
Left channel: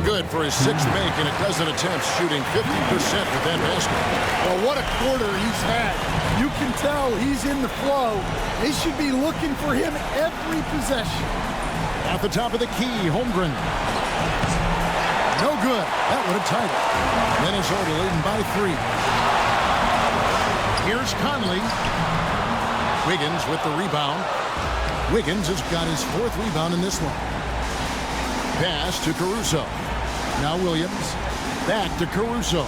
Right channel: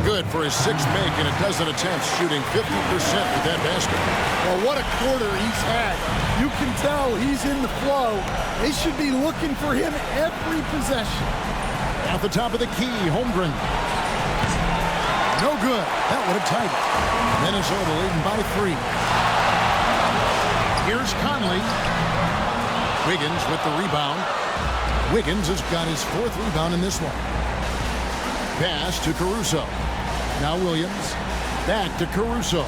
Good for his 6th make and a dozen attempts, shooting 50% with that basket. Well, what a quarter he's had. You can tell he's in the flow. They should be looking for him every possession. At the top of the key, Holmgren. No good. That would have tied it. Minnesota leading by 3. Here's Conley. Wiggins with the rebound. Wiggins has got his 4th rebound in this one. Pass to Caruso. Now Williams. Back to Caruso.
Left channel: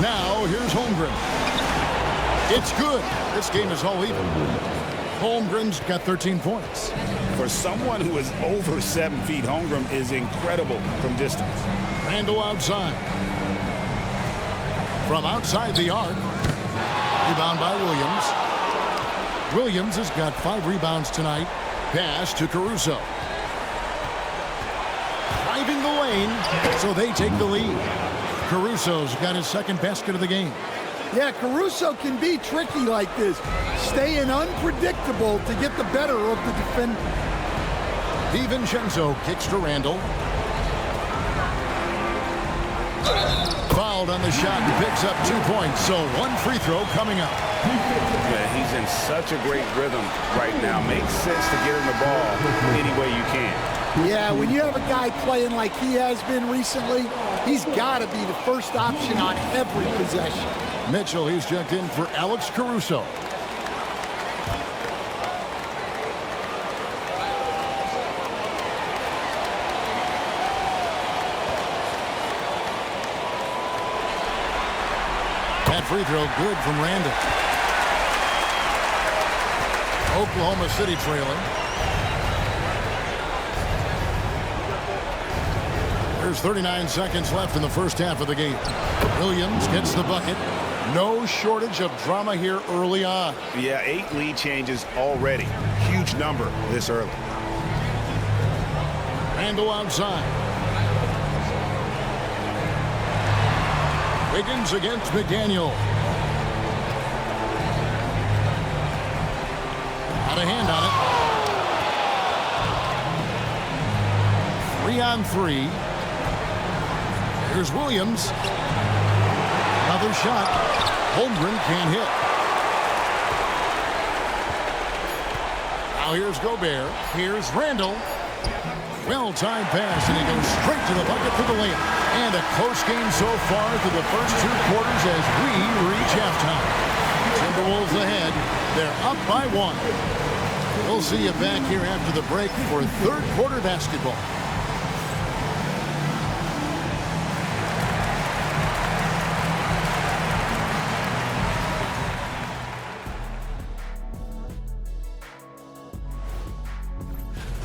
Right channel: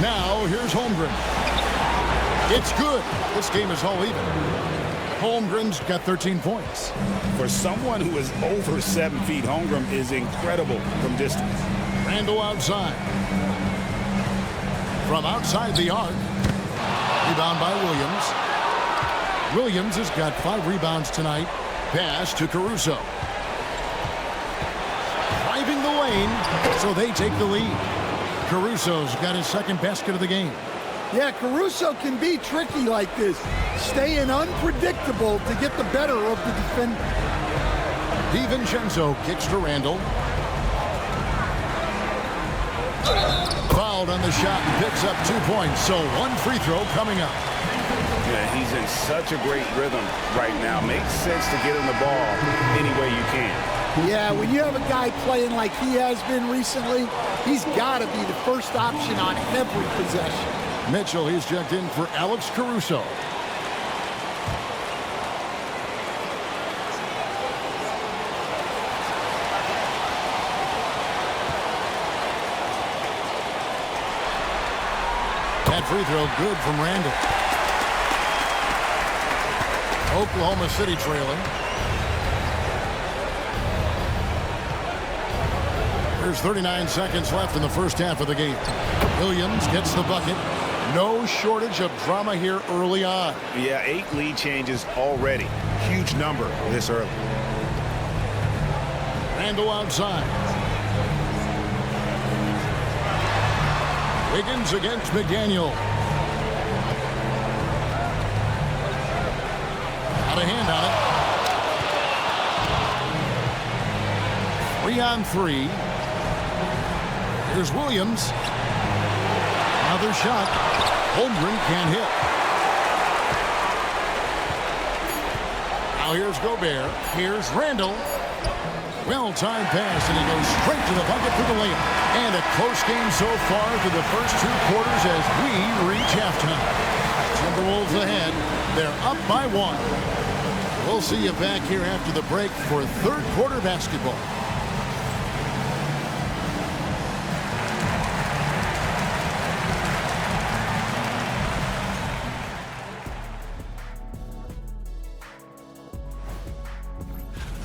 Now here's Holmgren. It's good. This game is all even. Holmgren's got 13 points. For someone who is over 7 feet, Holmgren is incredible from distance. Randall outside. from outside the arc. Rebound by Williams. Williams has got 5 rebounds tonight. Pass to Caruso. Driving the lane, so they take the lead. Caruso's got his second basket of the game. Yeah, Caruso can be tricky like this, staying unpredictable to get the better of the defender. DiVincenzo kicks to Randall. Fouled on the shot and picks up 2 points, so 1 free throw coming up. Yeah, he's in such a great rhythm right now. Makes sense to get him the ball any way you can. Yeah, when you have a guy playing like he has been recently, he's got to be the first option on every possession. Mitchell, he's checked in for Alex Caruso. That free throw good from Randall. Oklahoma City trailing. There's 39 seconds left in the first half of the game. Williams gets the bucket. No shortage of drama here early on. Yeah, 8 lead changes already. Huge number this early. Randall outside. Wiggins against McDaniel. Out of hand on it. 3-on-3. Here's Williams. Another shot. Holmgren can't hit. Now here's Gobert. Here's Randall. Well-timed pass, and he goes straight to the bucket for the layup. And a close game so far through the first 2 quarters as we reach halftime. Timberwolves ahead. They're up by 1. We'll see you back here after the break for third quarter basketball.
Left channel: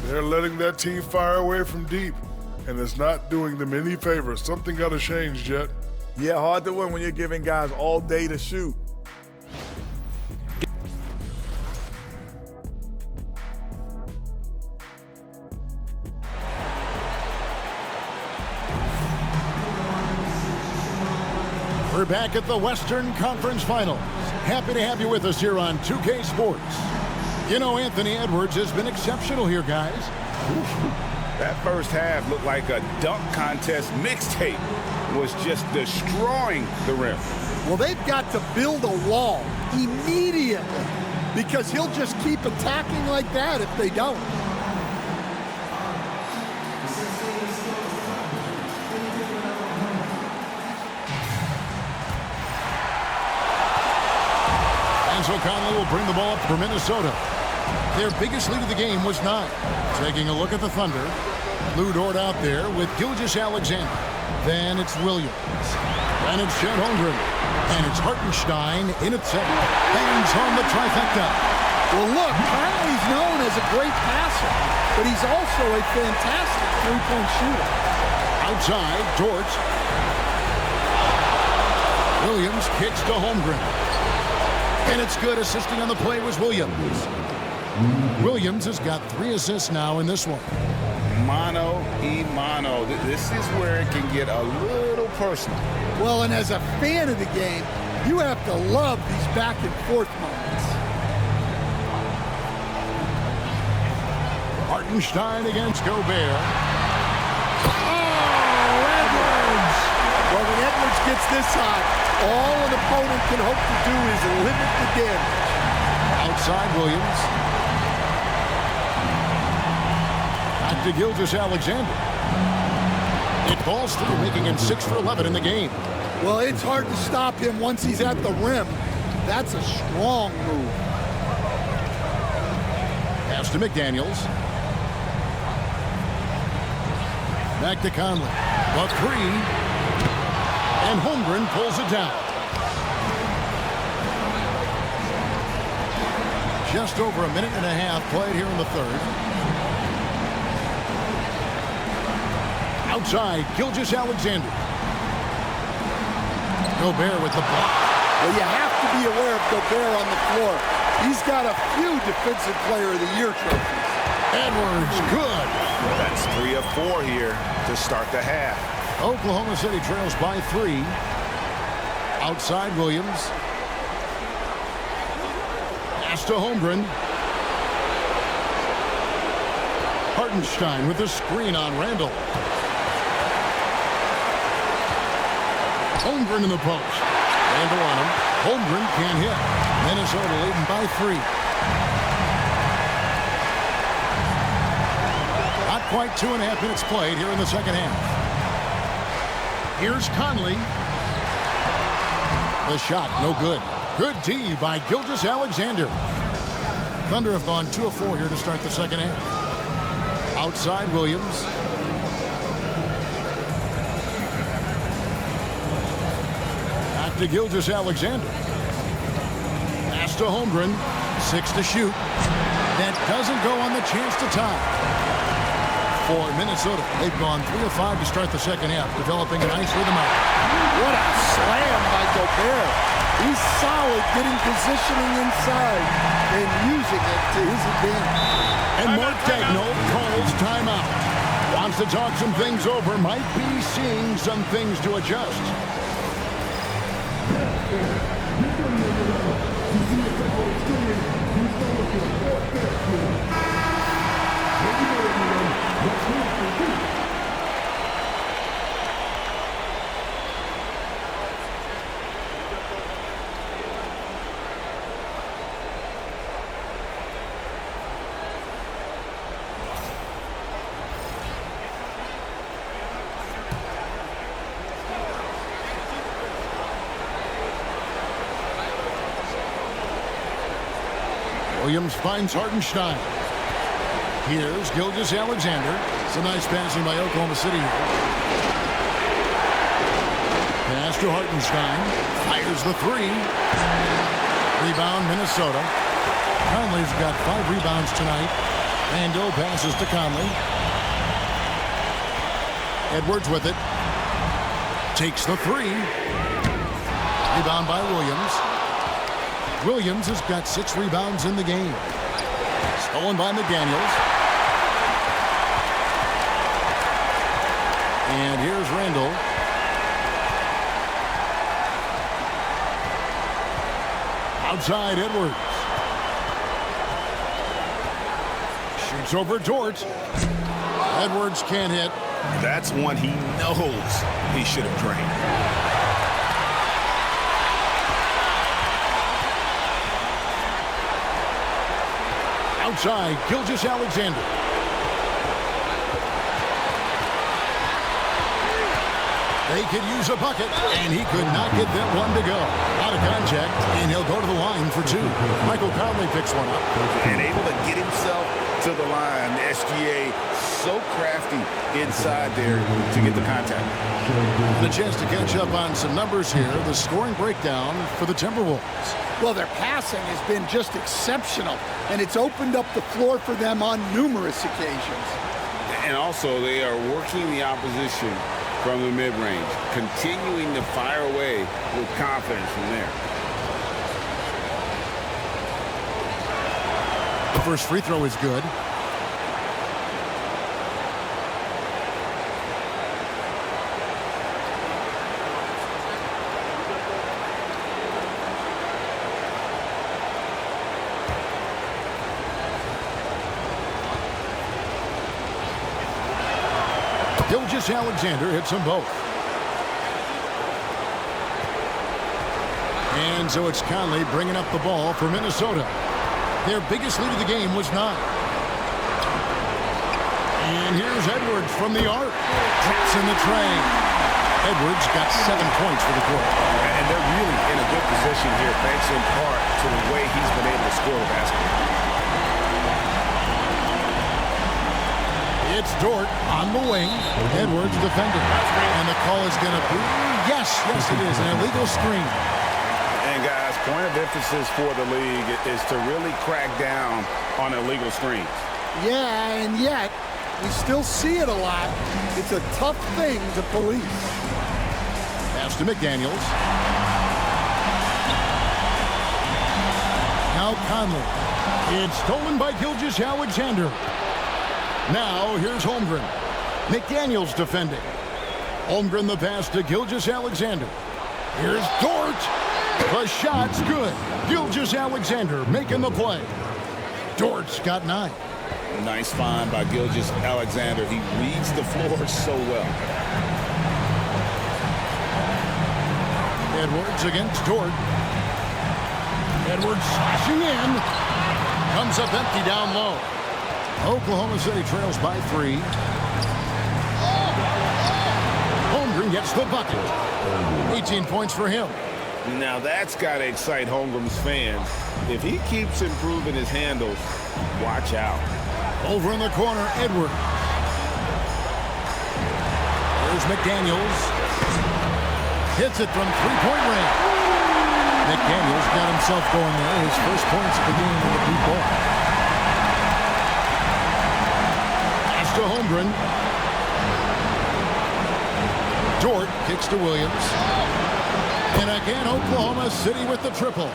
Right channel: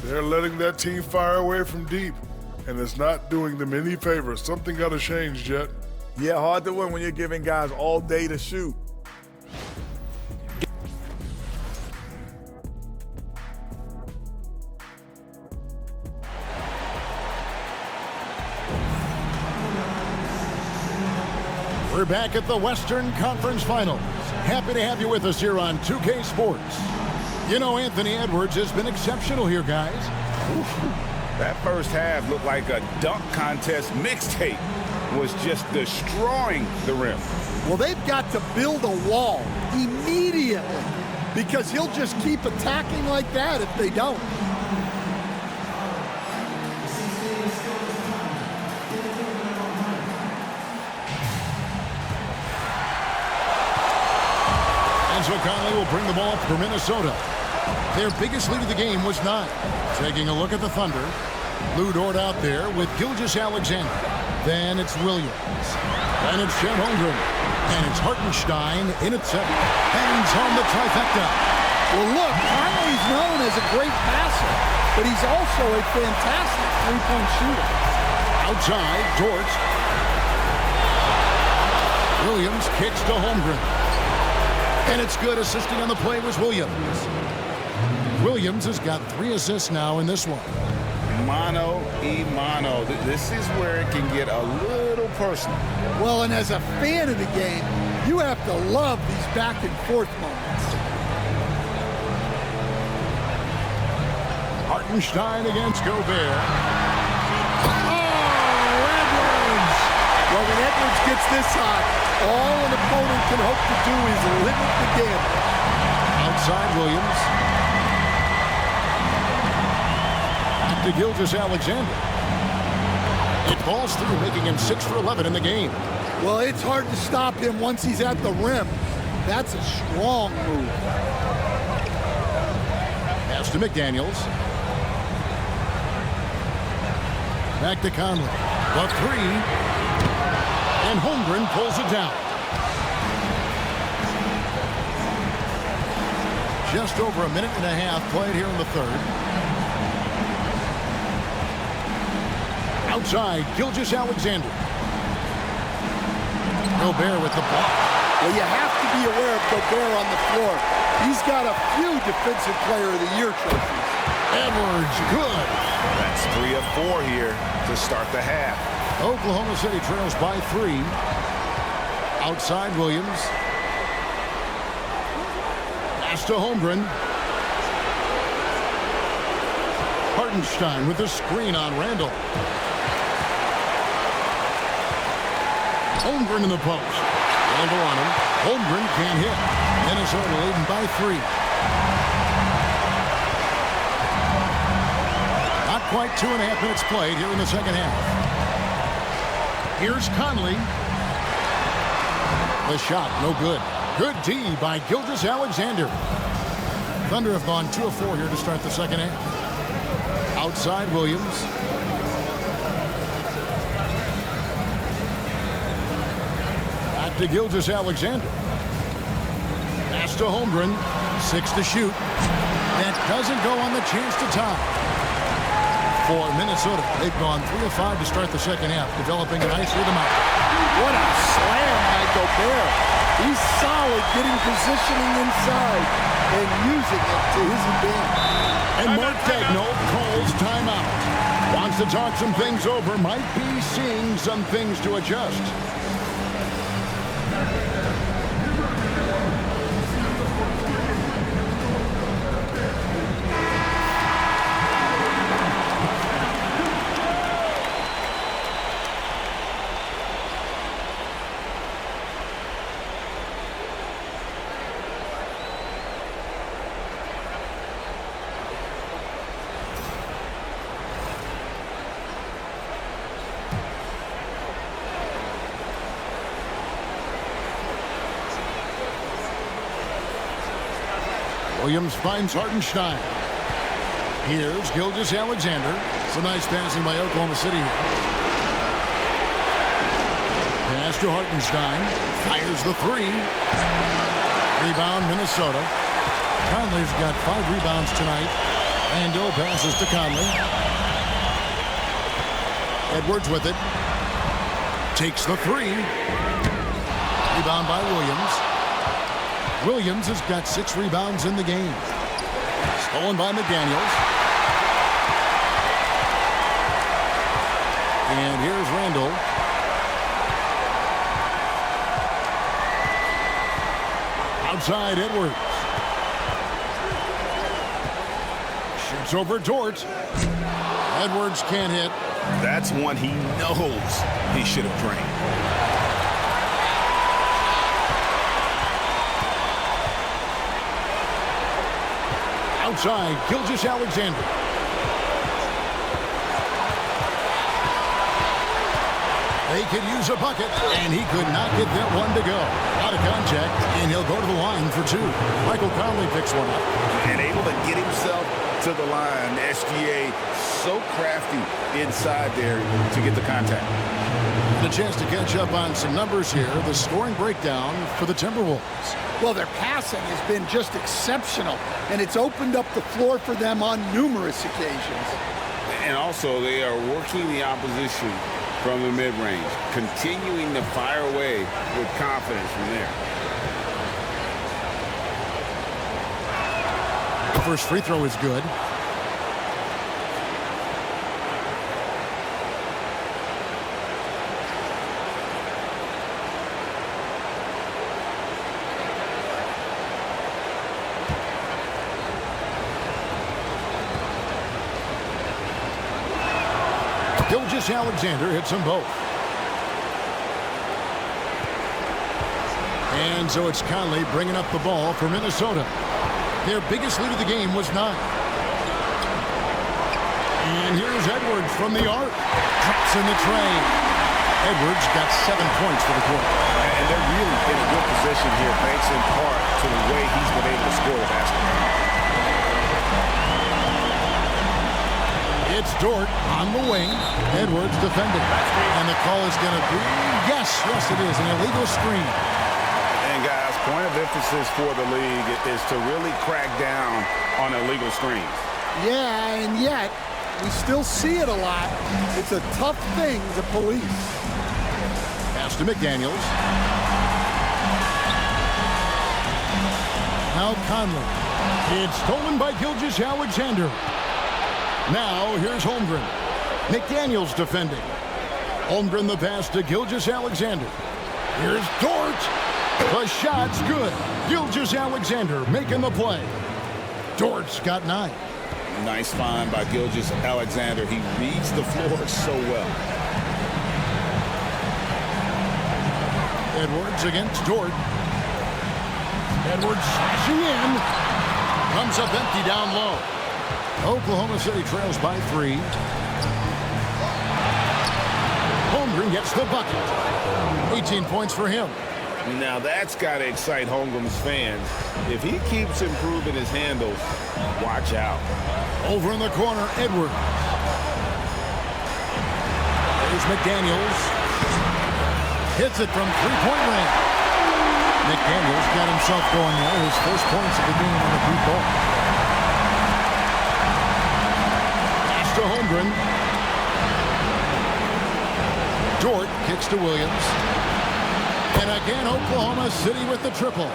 They're letting that team fire away from deep, and it's not doing them any favors. Something got to change, Jet. Yeah, hard to win when you're giving guys all day to shoot. We're back at the Western Conference Finals. Happy to have you with us here on 2K Sports. You know, Anthony Edwards has been exceptional here, guys. That first half looked like a dunk contest mixtape. Was just destroying the rim. Well, they've got to build a wall immediately because he'll just keep attacking like that if they don't. And so Conley will bring the ball up for Minnesota. Their biggest lead of the game was 9. Taking a look at the Thunder. Lou Dort out there with Gilgeous-Alexander. Then it's Williams. Then it's Chet Holmgren. And it's Hartenstein in at 7. Bangs home the trifecta. Well, look, Conley's known as a great passer, but he's also a fantastic three-point shooter. Outside, Dort. Williams kicks to Holmgren. And it's good. Assisting on the play was Williams. Williams has got 3 assists now in this one. Mano y mano. This is where it can get a little personal. Well, and as a fan of the game, you have to love these back-and-forth moments. Hartenstein against Gobert. Oh, Edwards! Well, when Edwards gets this hot, all an opponent can hope to do is limit the damage. Outside Williams. Back to Gilgeous-Alexander. It falls through, making him 6 for 11 in the game. Well, it's hard to stop him once he's at the rim. That's a strong move. Pass to McDaniels. Back to Conley. The 3. And Holmgren pulls it down. Just over a minute and a half played here in the third. Outside, Gilgeous-Alexander. Gobert with the block. Well, you have to be aware of Gobert on the floor. He's got a few Defensive Player of the Year trophies. Edwards, good. That's 3 of 4 here to start the half. Oklahoma City trails by 3. Outside Williams. Pass to Holmgren. Hartenstein with the screen on Randall. Holmgren in the post. Randall on him. Holmgren can't hit. Minnesota leading by 3. Not quite 2.5 minutes played here in the second half. Here's Conley. The shot, no good. Good D by Gilgeous-Alexander. Thunder have gone 2 of 4 here to start the second half. Outside Williams. Back to Gilgeous-Alexander. Pass to Holmgren. 6 to shoot. That doesn't go on the chance to tie. For Minnesota, they've gone 3 of 5 to start the second half, developing a nice rhythm out there. What a slam by Gobert. He's solid getting positioning inside and using it to his advantage. And Mark Daigneault calls timeout. Wants to talk some things over. Might be seeing some things to adjust. Williams finds Hartenstein. Here's Gilgeous-Alexander. It's a nice passing by Oklahoma City here. Pass to Hartenstein. Fires the 3. Rebound Minnesota. Conley's got 5 rebounds tonight. Randall passes to Conley. Edwards with it. Takes the 3. Rebound by Williams. Williams has got 6 rebounds in the game. Stolen by McDaniels. And here's Randall. Outside Edwards. Shoots over Dort. Edwards can't hit. That's one he knows he should have drained. Outside, Gilgeous-Alexander. They could use a bucket, and he could not get that one to go. Out of contact, and he'll go to the line for 2. Michael Conley picks one up. And able to get himself to the line. SGA so crafty inside there to get the contact. And a chance to catch up on some numbers here. The scoring breakdown for the Timberwolves. Well, their passing has been just exceptional, and it's opened up the floor for them on numerous occasions. And also, they are working the opposition from the mid-range, continuing to fire away with confidence from there. The first free throw is good. Gilgeous-Alexander hits them both. And so it's Conley bringing up the ball for Minnesota. Their biggest lead of the game was 9. And here's Edwards from the arc. Drops in the tray. Edwards got 7 points for the quarter. And they're really in a good position here, thanks in part to the way he's been able to score the basketball. It's Dort on the wing. Edwards defending. And the call is going to be, yes, it is, an illegal screen. And guys, point of emphasis for the league is to really crack down on illegal screens. Yeah, and yet we still see it a lot. It's a tough thing to police. Pass to McDaniels. Now Conley. It's stolen by Gilgeous-Alexander. Now here's Holmgren. McDaniels defending. Holmgren the pass to Gilgeous-Alexander. Here's Dort. The shot's good. Gilgeous-Alexander making the play. Dort's got 9. Nice find by Gilgeous-Alexander. He reads the floor so well. Edwards against Dort. Edwards slashing in. Comes up empty down low. Oklahoma City trails by 3. Holmgren gets the bucket. 18 points for him. Now that's got to excite Holmgren's fans. If he keeps improving his handles, watch out. Over in the corner, Edwards. There's McDaniels. Hits it from three-point range. McDaniels got himself going there. His first points of the game on the deep ball. Pass to Holmgren. Dort kicks to Williams. And again, Oklahoma City with the triple.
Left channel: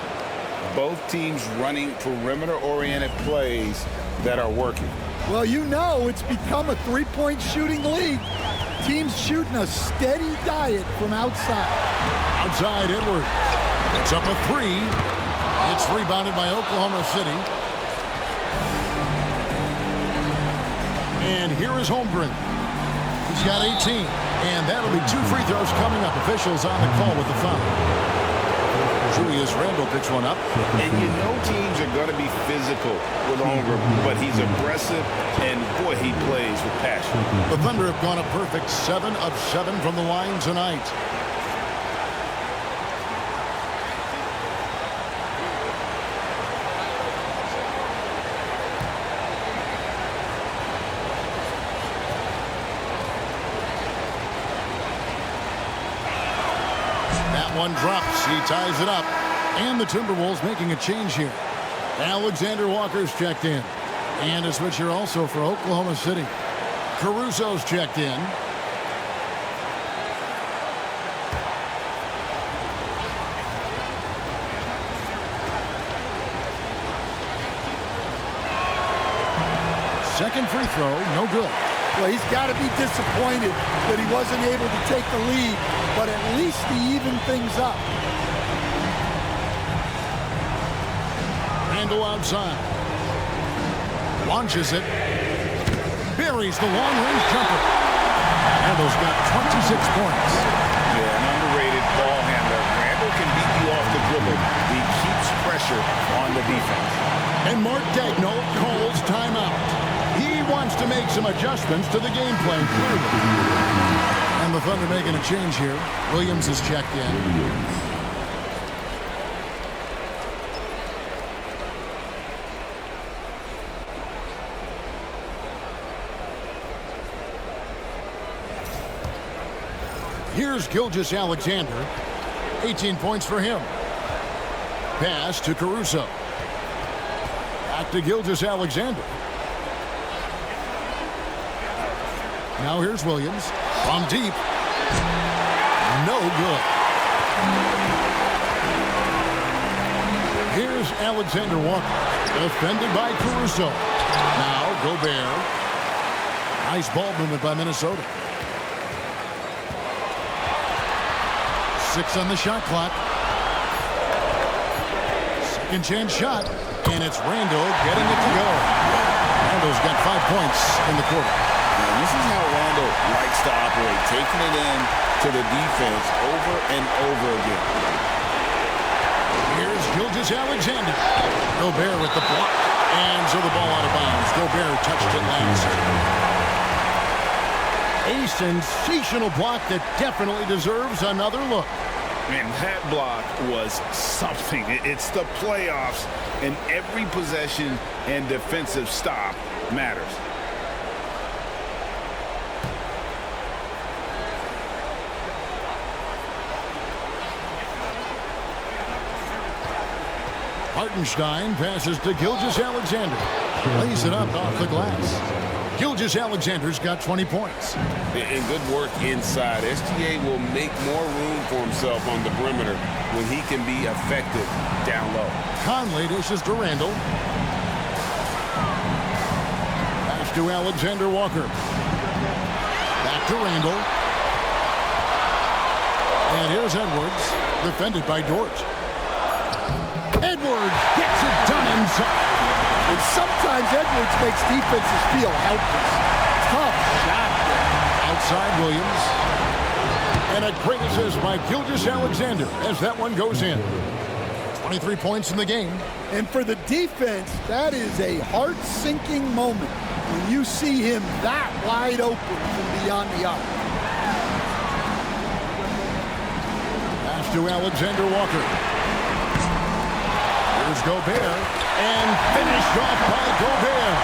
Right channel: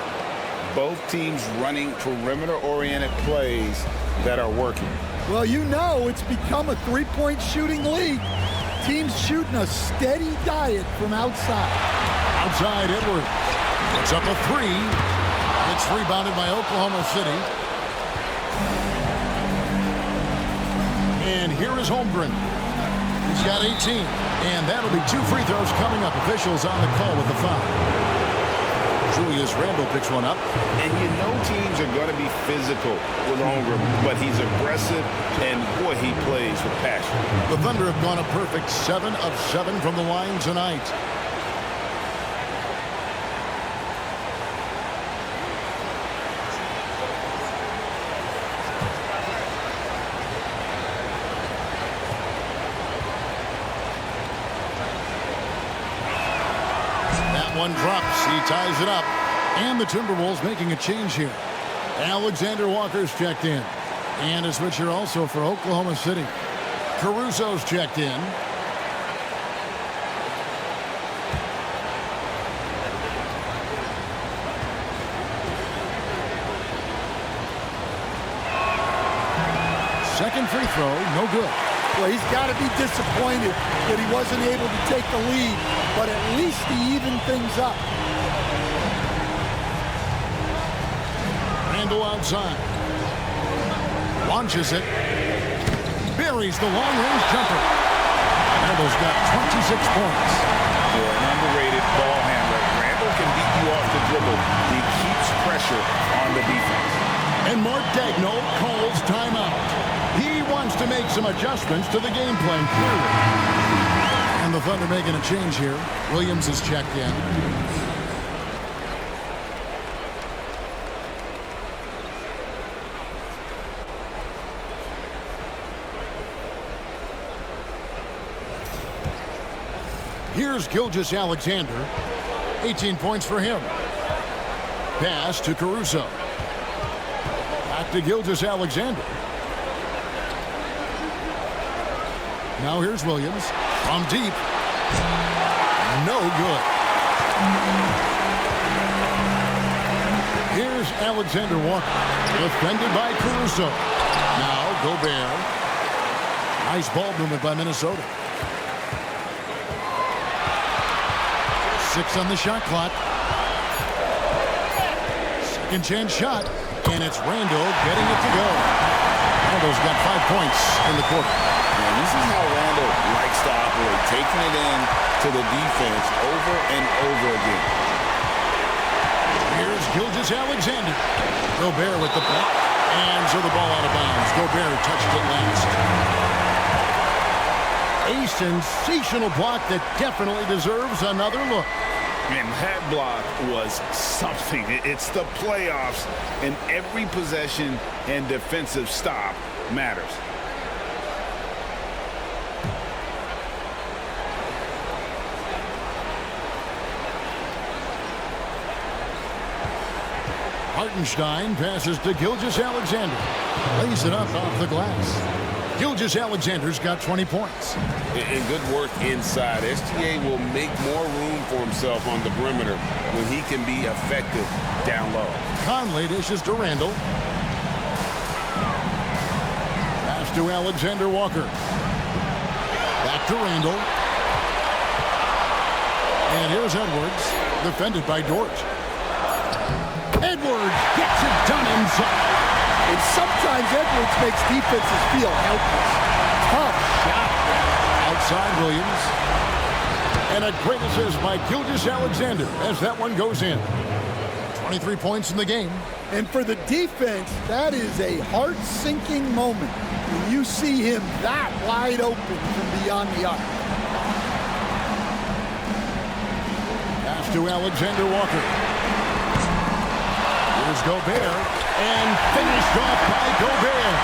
Both teams running perimeter-oriented plays that are working. Well, you know it's become a three-point shooting league. Teams shooting a steady diet from outside. Outside, Edwards. Puts up a 3. It's rebounded by Oklahoma City. And here is Holmgren. He's got 18. And that'll be 2 free throws coming up. Officials on the call with the foul. Julius Randle picks one up. And you know teams are going to be physical with Holmgren, but he's aggressive, and boy, he plays with passion. The Thunder have gone a perfect 7 of 7 from the line tonight. That one drops. He ties it up. And the Timberwolves making a change here. Alexander Walker's checked in. And a switch here also for Oklahoma City. Caruso's checked in. Second free throw, no good. Well, he's got to be disappointed that he wasn't able to take the lead, but at least he evened things up. Randle outside. Launches it. Buries the long-range jumper. Randle's got 26 points. Yeah, an underrated ball handler. Randle can beat you off the dribble. He keeps pressure on the defense. And Mark Daigneault calls timeout. He wants to make some adjustments to the game plan, clearly. And the Thunder making a change here. Williams is checked in. Here's Gilgeous-Alexander. 18 points for him. Pass to Caruso. Back to Gilgeous-Alexander. Now here's Williams. From deep. No good. Here's Alexander Walker. Defended by Caruso. Now Gobert. Nice ball movement by Minnesota. 6 on the shot clock. Second chance shot. And it's Randle getting it to go. Randle's got 5 points in the quarter. And this is how Randle likes to operate, taking it in to the defense over and over again. Here's Gilgeous-Alexander. Gobert with the block. And so the ball out of bounds. Gobert touched it last. A sensational block that definitely deserves another look. And that block was something. It's the playoffs, and every possession and defensive stop matters. Hartenstein passes to Gilgeous-Alexander. Lays it up off the glass. Gilgeous-Alexander's got 20 points. And good work inside. SGA will make more room for himself on the perimeter when he can be effective down low. Conley dishes to Randall. Pass to Alexander Walker. Back to Randall. And here's Edwards, defended by Dort. Edwards gets it done inside. And sometimes Edwards makes defenses feel helpless. Tough shot there. Outside Williams. And a great assist by Gilgeous-Alexander as that one goes in. 23 points in the game. And for the defense, that is a heart-sinking moment when you see him that wide open from beyond the arc. Pass to Alexander Walker. Here's Gobert, and finished off by Gobert.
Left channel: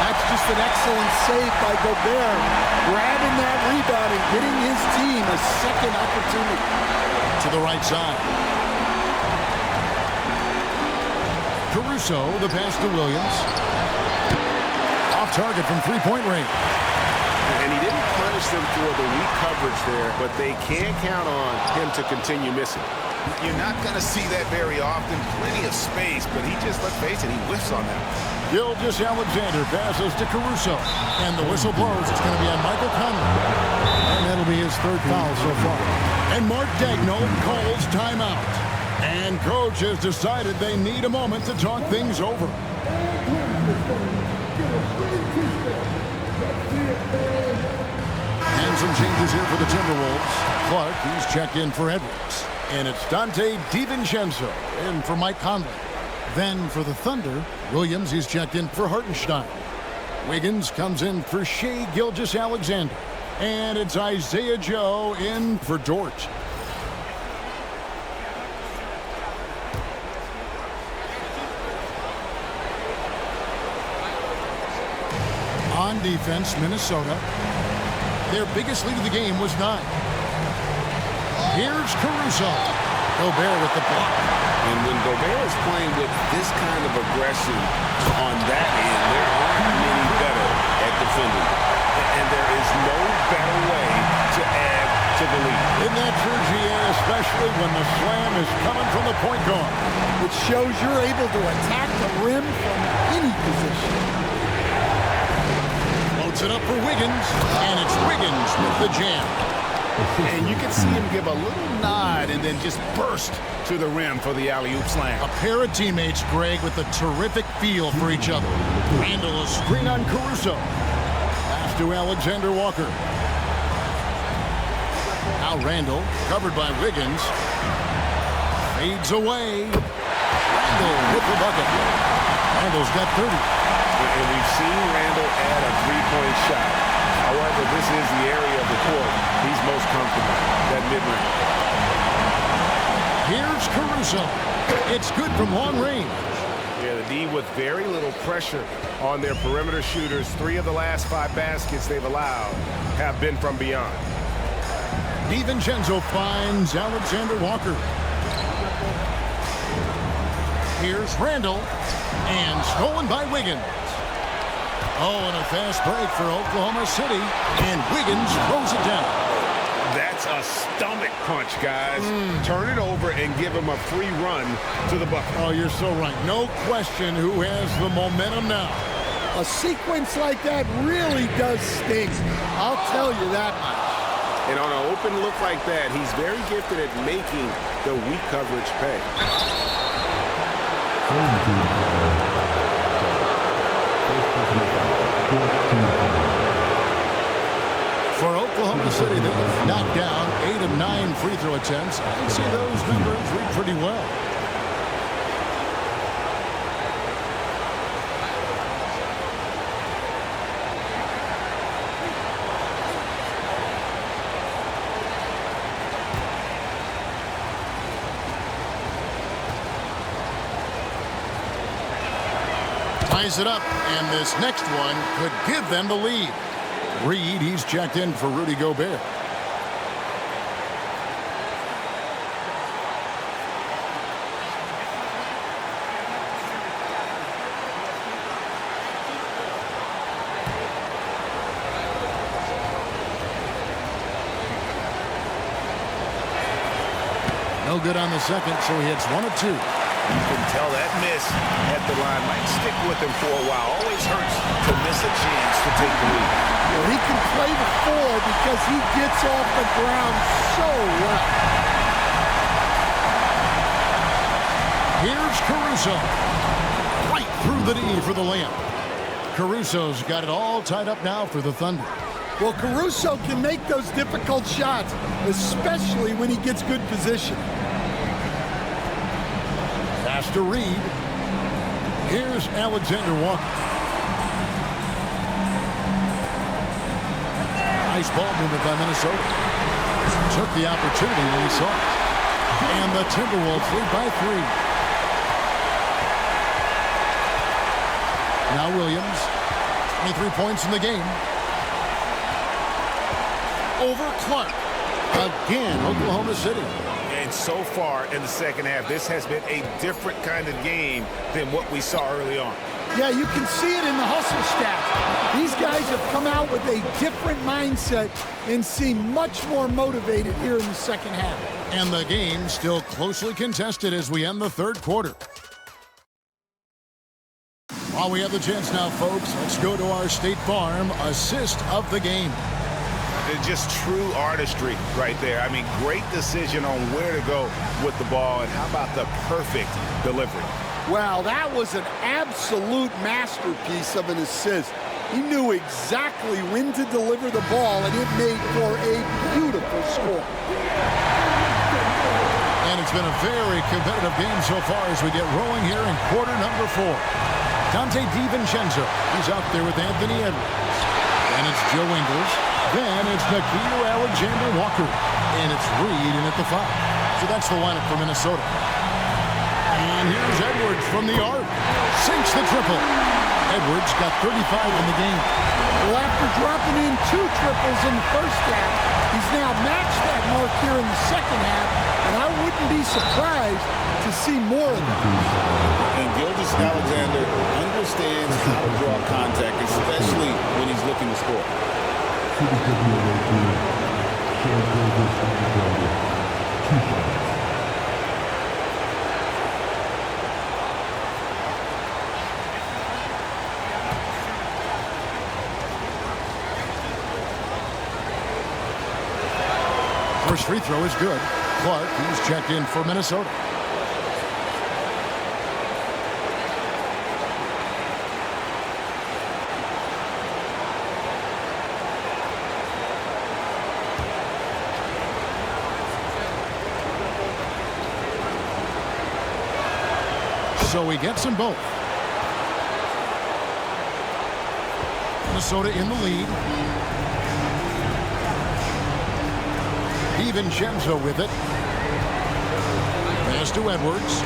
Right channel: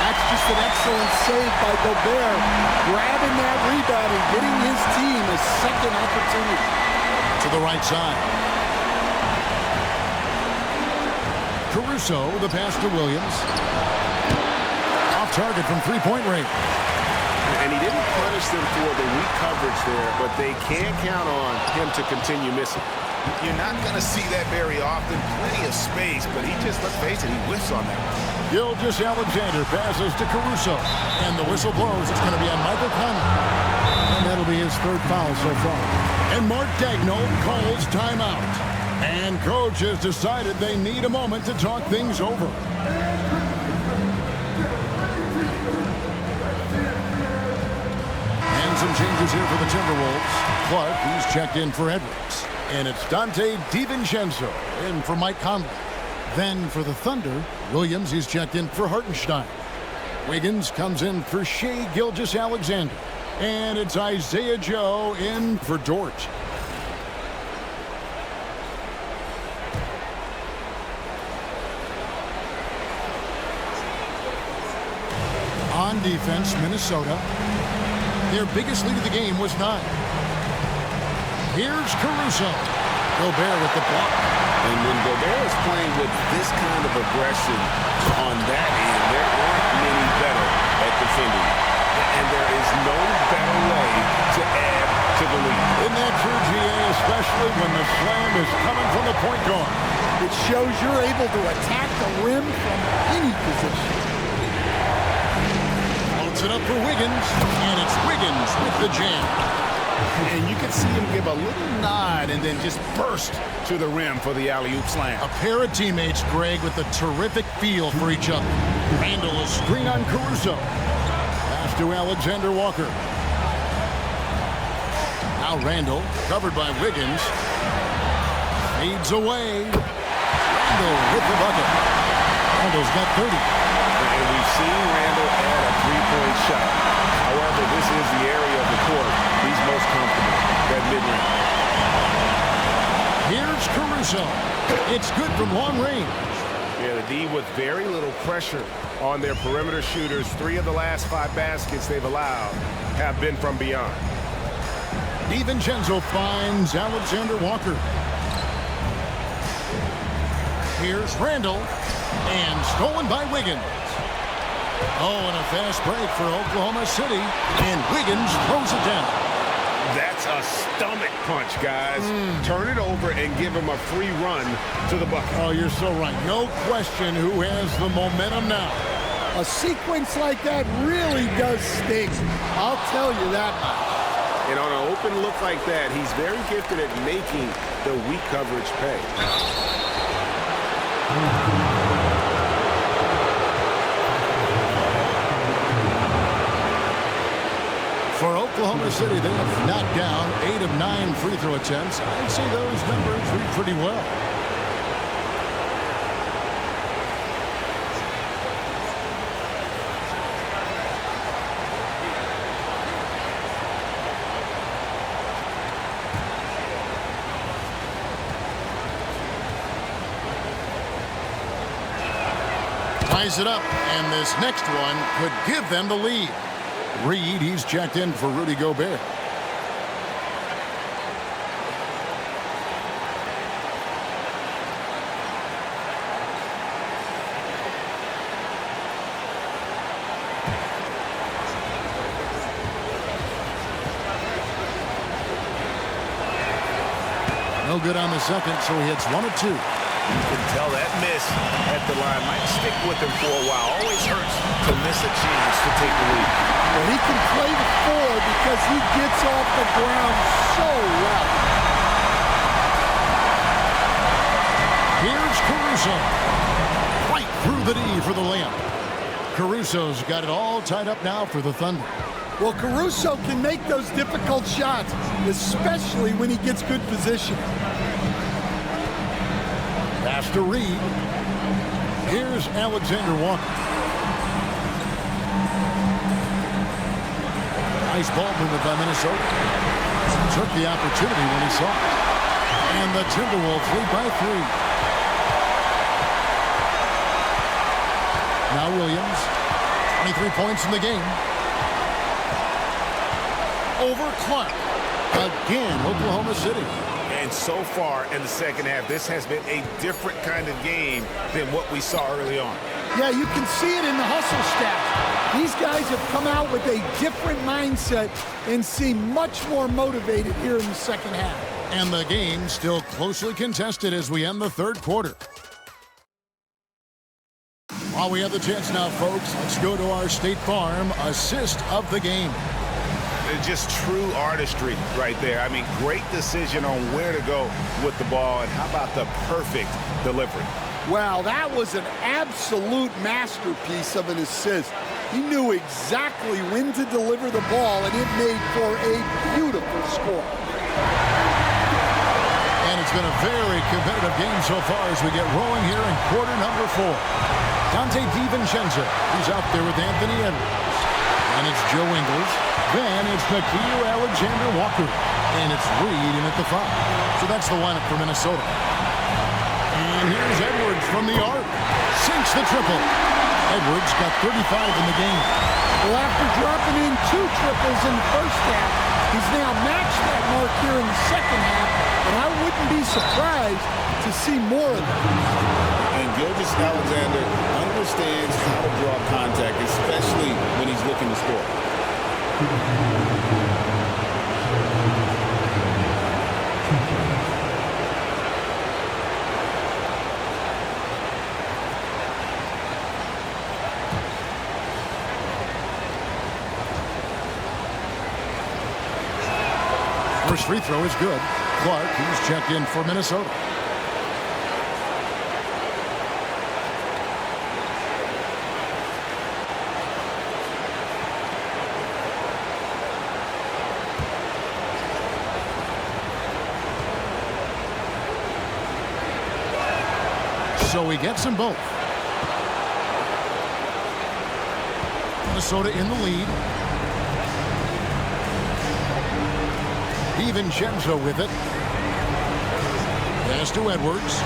That's just an excellent save by Gobert, grabbing that rebound and getting his team a second opportunity. To the right side. Caruso, the pass to Williams. Off target from three-point range. And he didn't punish them for the weak coverage there, but they can't count on him to continue missing. You're not going to see that very often. Plenty of space, but he just, let's face it, he whiffs on that one. Gilgeous-Alexander passes to Caruso. And the whistle blows. It's going to be on Michael Conley. And that'll be his third foul so far. And Mark Daigneault calls timeout. And coach has decided they need a moment to talk things over. And some changes here for the Timberwolves. Clark, he's checked in for Edwards. And it's Dante DiVincenzo in for Mike Conley. Then for the Thunder, Williams, he's checked in for Hartenstein. Wiggins comes in for Shai Gilgeous-Alexander. And it's Isaiah Joe in for Dort. On defense, Minnesota. Their biggest lead of the game was 9. Here's Caruso. Gobert with the block. And when Gobert is playing with this kind of aggression on that end, there aren't many better at defending. And there is no better way to add to the lead. Isn't that true, GA, especially when the slam is coming from the point guard? It shows you're able to attack the rim from any position. Floats it up for Wiggins, and it's Wiggins with the jam. And you can see him give a little nod and then just burst to the rim for the alley-oop slam. A pair of teammates, Greg, with a terrific feel for each other. Randall a screen on Caruso. Pass to Alexander Walker. Now Randall, covered by Wiggins. Fades away. Randall with the bucket. Randall's got 30. And we've seen Randall add a three-point shot. However, this is the area of the court he's most comfortable, that mid-range. Here's Caruso. It's good from long range. Yeah, the D with very little pressure on their perimeter shooters. 3 of the last 5 baskets they've allowed have been from beyond. DiVincenzo finds Alexander Walker. Here's Randall. And stolen by Wiggins. Oh, and a fast break for Oklahoma City. And Wiggins throws it down. That's a stomach punch, guys. Turn it over and give him a free run to the bucket. Oh, you're so right. No question who has the momentum now. A sequence like that really does sting. I'll tell you that much. And on an open look like that, he's very gifted at making the weak coverage pay. For Oklahoma City, they have knocked down 8 of 9 free throw attempts. I'd say those numbers read pretty well. Ties it up, and this next one could give them the lead. Reed, he's checked in for Rudy Gobert. No good on the second, so he hits 1 of 2. You can tell that miss at the line might stick with him for a while. Always hurts to miss a chance to take the lead. Well, he can play the 4 because he gets off the ground so well. Here's Caruso. Right through the D for the layup. Caruso's got it all tied up now for the Thunder. Well, Caruso can make those difficult shots, especially when he gets good position. Pass to Reed. Here's Alexander Walker. Nice ball movement by Minnesota. Took the opportunity when he saw it. And the Timberwolves lead by 3. Now Williams. 23 points in the game. Over Clark. Again, Oklahoma City. And so far in the second half, this has been a different kind of game than what we saw early on. Yeah, you can see it in the hustle stats. These guys have come out with a different mindset and seem much more motivated here in the second half. And the game still closely contested as we end the third quarter. While we have the chance now, folks, let's go to our State Farm assist of the game. Just true artistry right there. I mean, great decision on where to go with the ball, and how about the perfect delivery? Wow, that was an absolute masterpiece of an assist. He knew exactly when to deliver the ball, and it made for a beautiful score. And it's been a very competitive game so far as we get rolling here in quarter number 4. Dante DiVincenzo, he's out there with Anthony Edwards. And it's Joe Ingles. Then it's Nickeil Alexander-Walker. And it's Reed in at the 5. So that's the lineup for Minnesota. And here's Edwards from the arc. Sinks the triple. Edwards got 35 in the game. Well, after dropping in 2 triples in the first half, he's now matched that mark here in the second half, and I wouldn't be surprised to see more of that. And Gilgeous-Alexander understands how to draw contact, especially when he's looking to score. First free throw is good. Clark, he's checked in for Minnesota. So he gets them both. Minnesota in the lead. DiVincenzo with it. Pass to Edwards.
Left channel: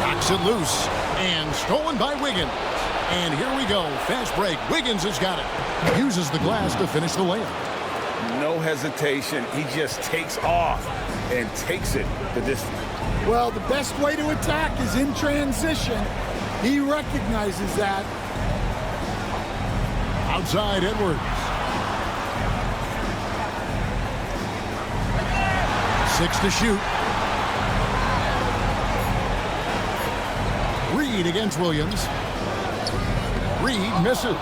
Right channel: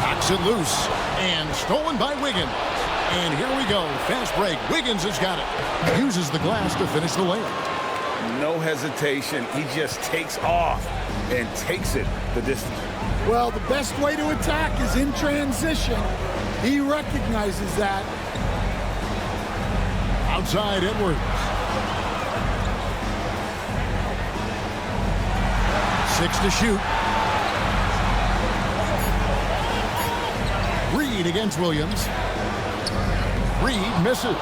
Knocks it loose. And stolen by Wiggins. And here we go. Fast break. Wiggins has got it. Uses the glass to finish the layup. No hesitation. He just takes off and takes it the distance. Well, the best way to attack is in transition. He recognizes that. Outside Edwards. 6 to shoot. Reed against Williams. Reed misses.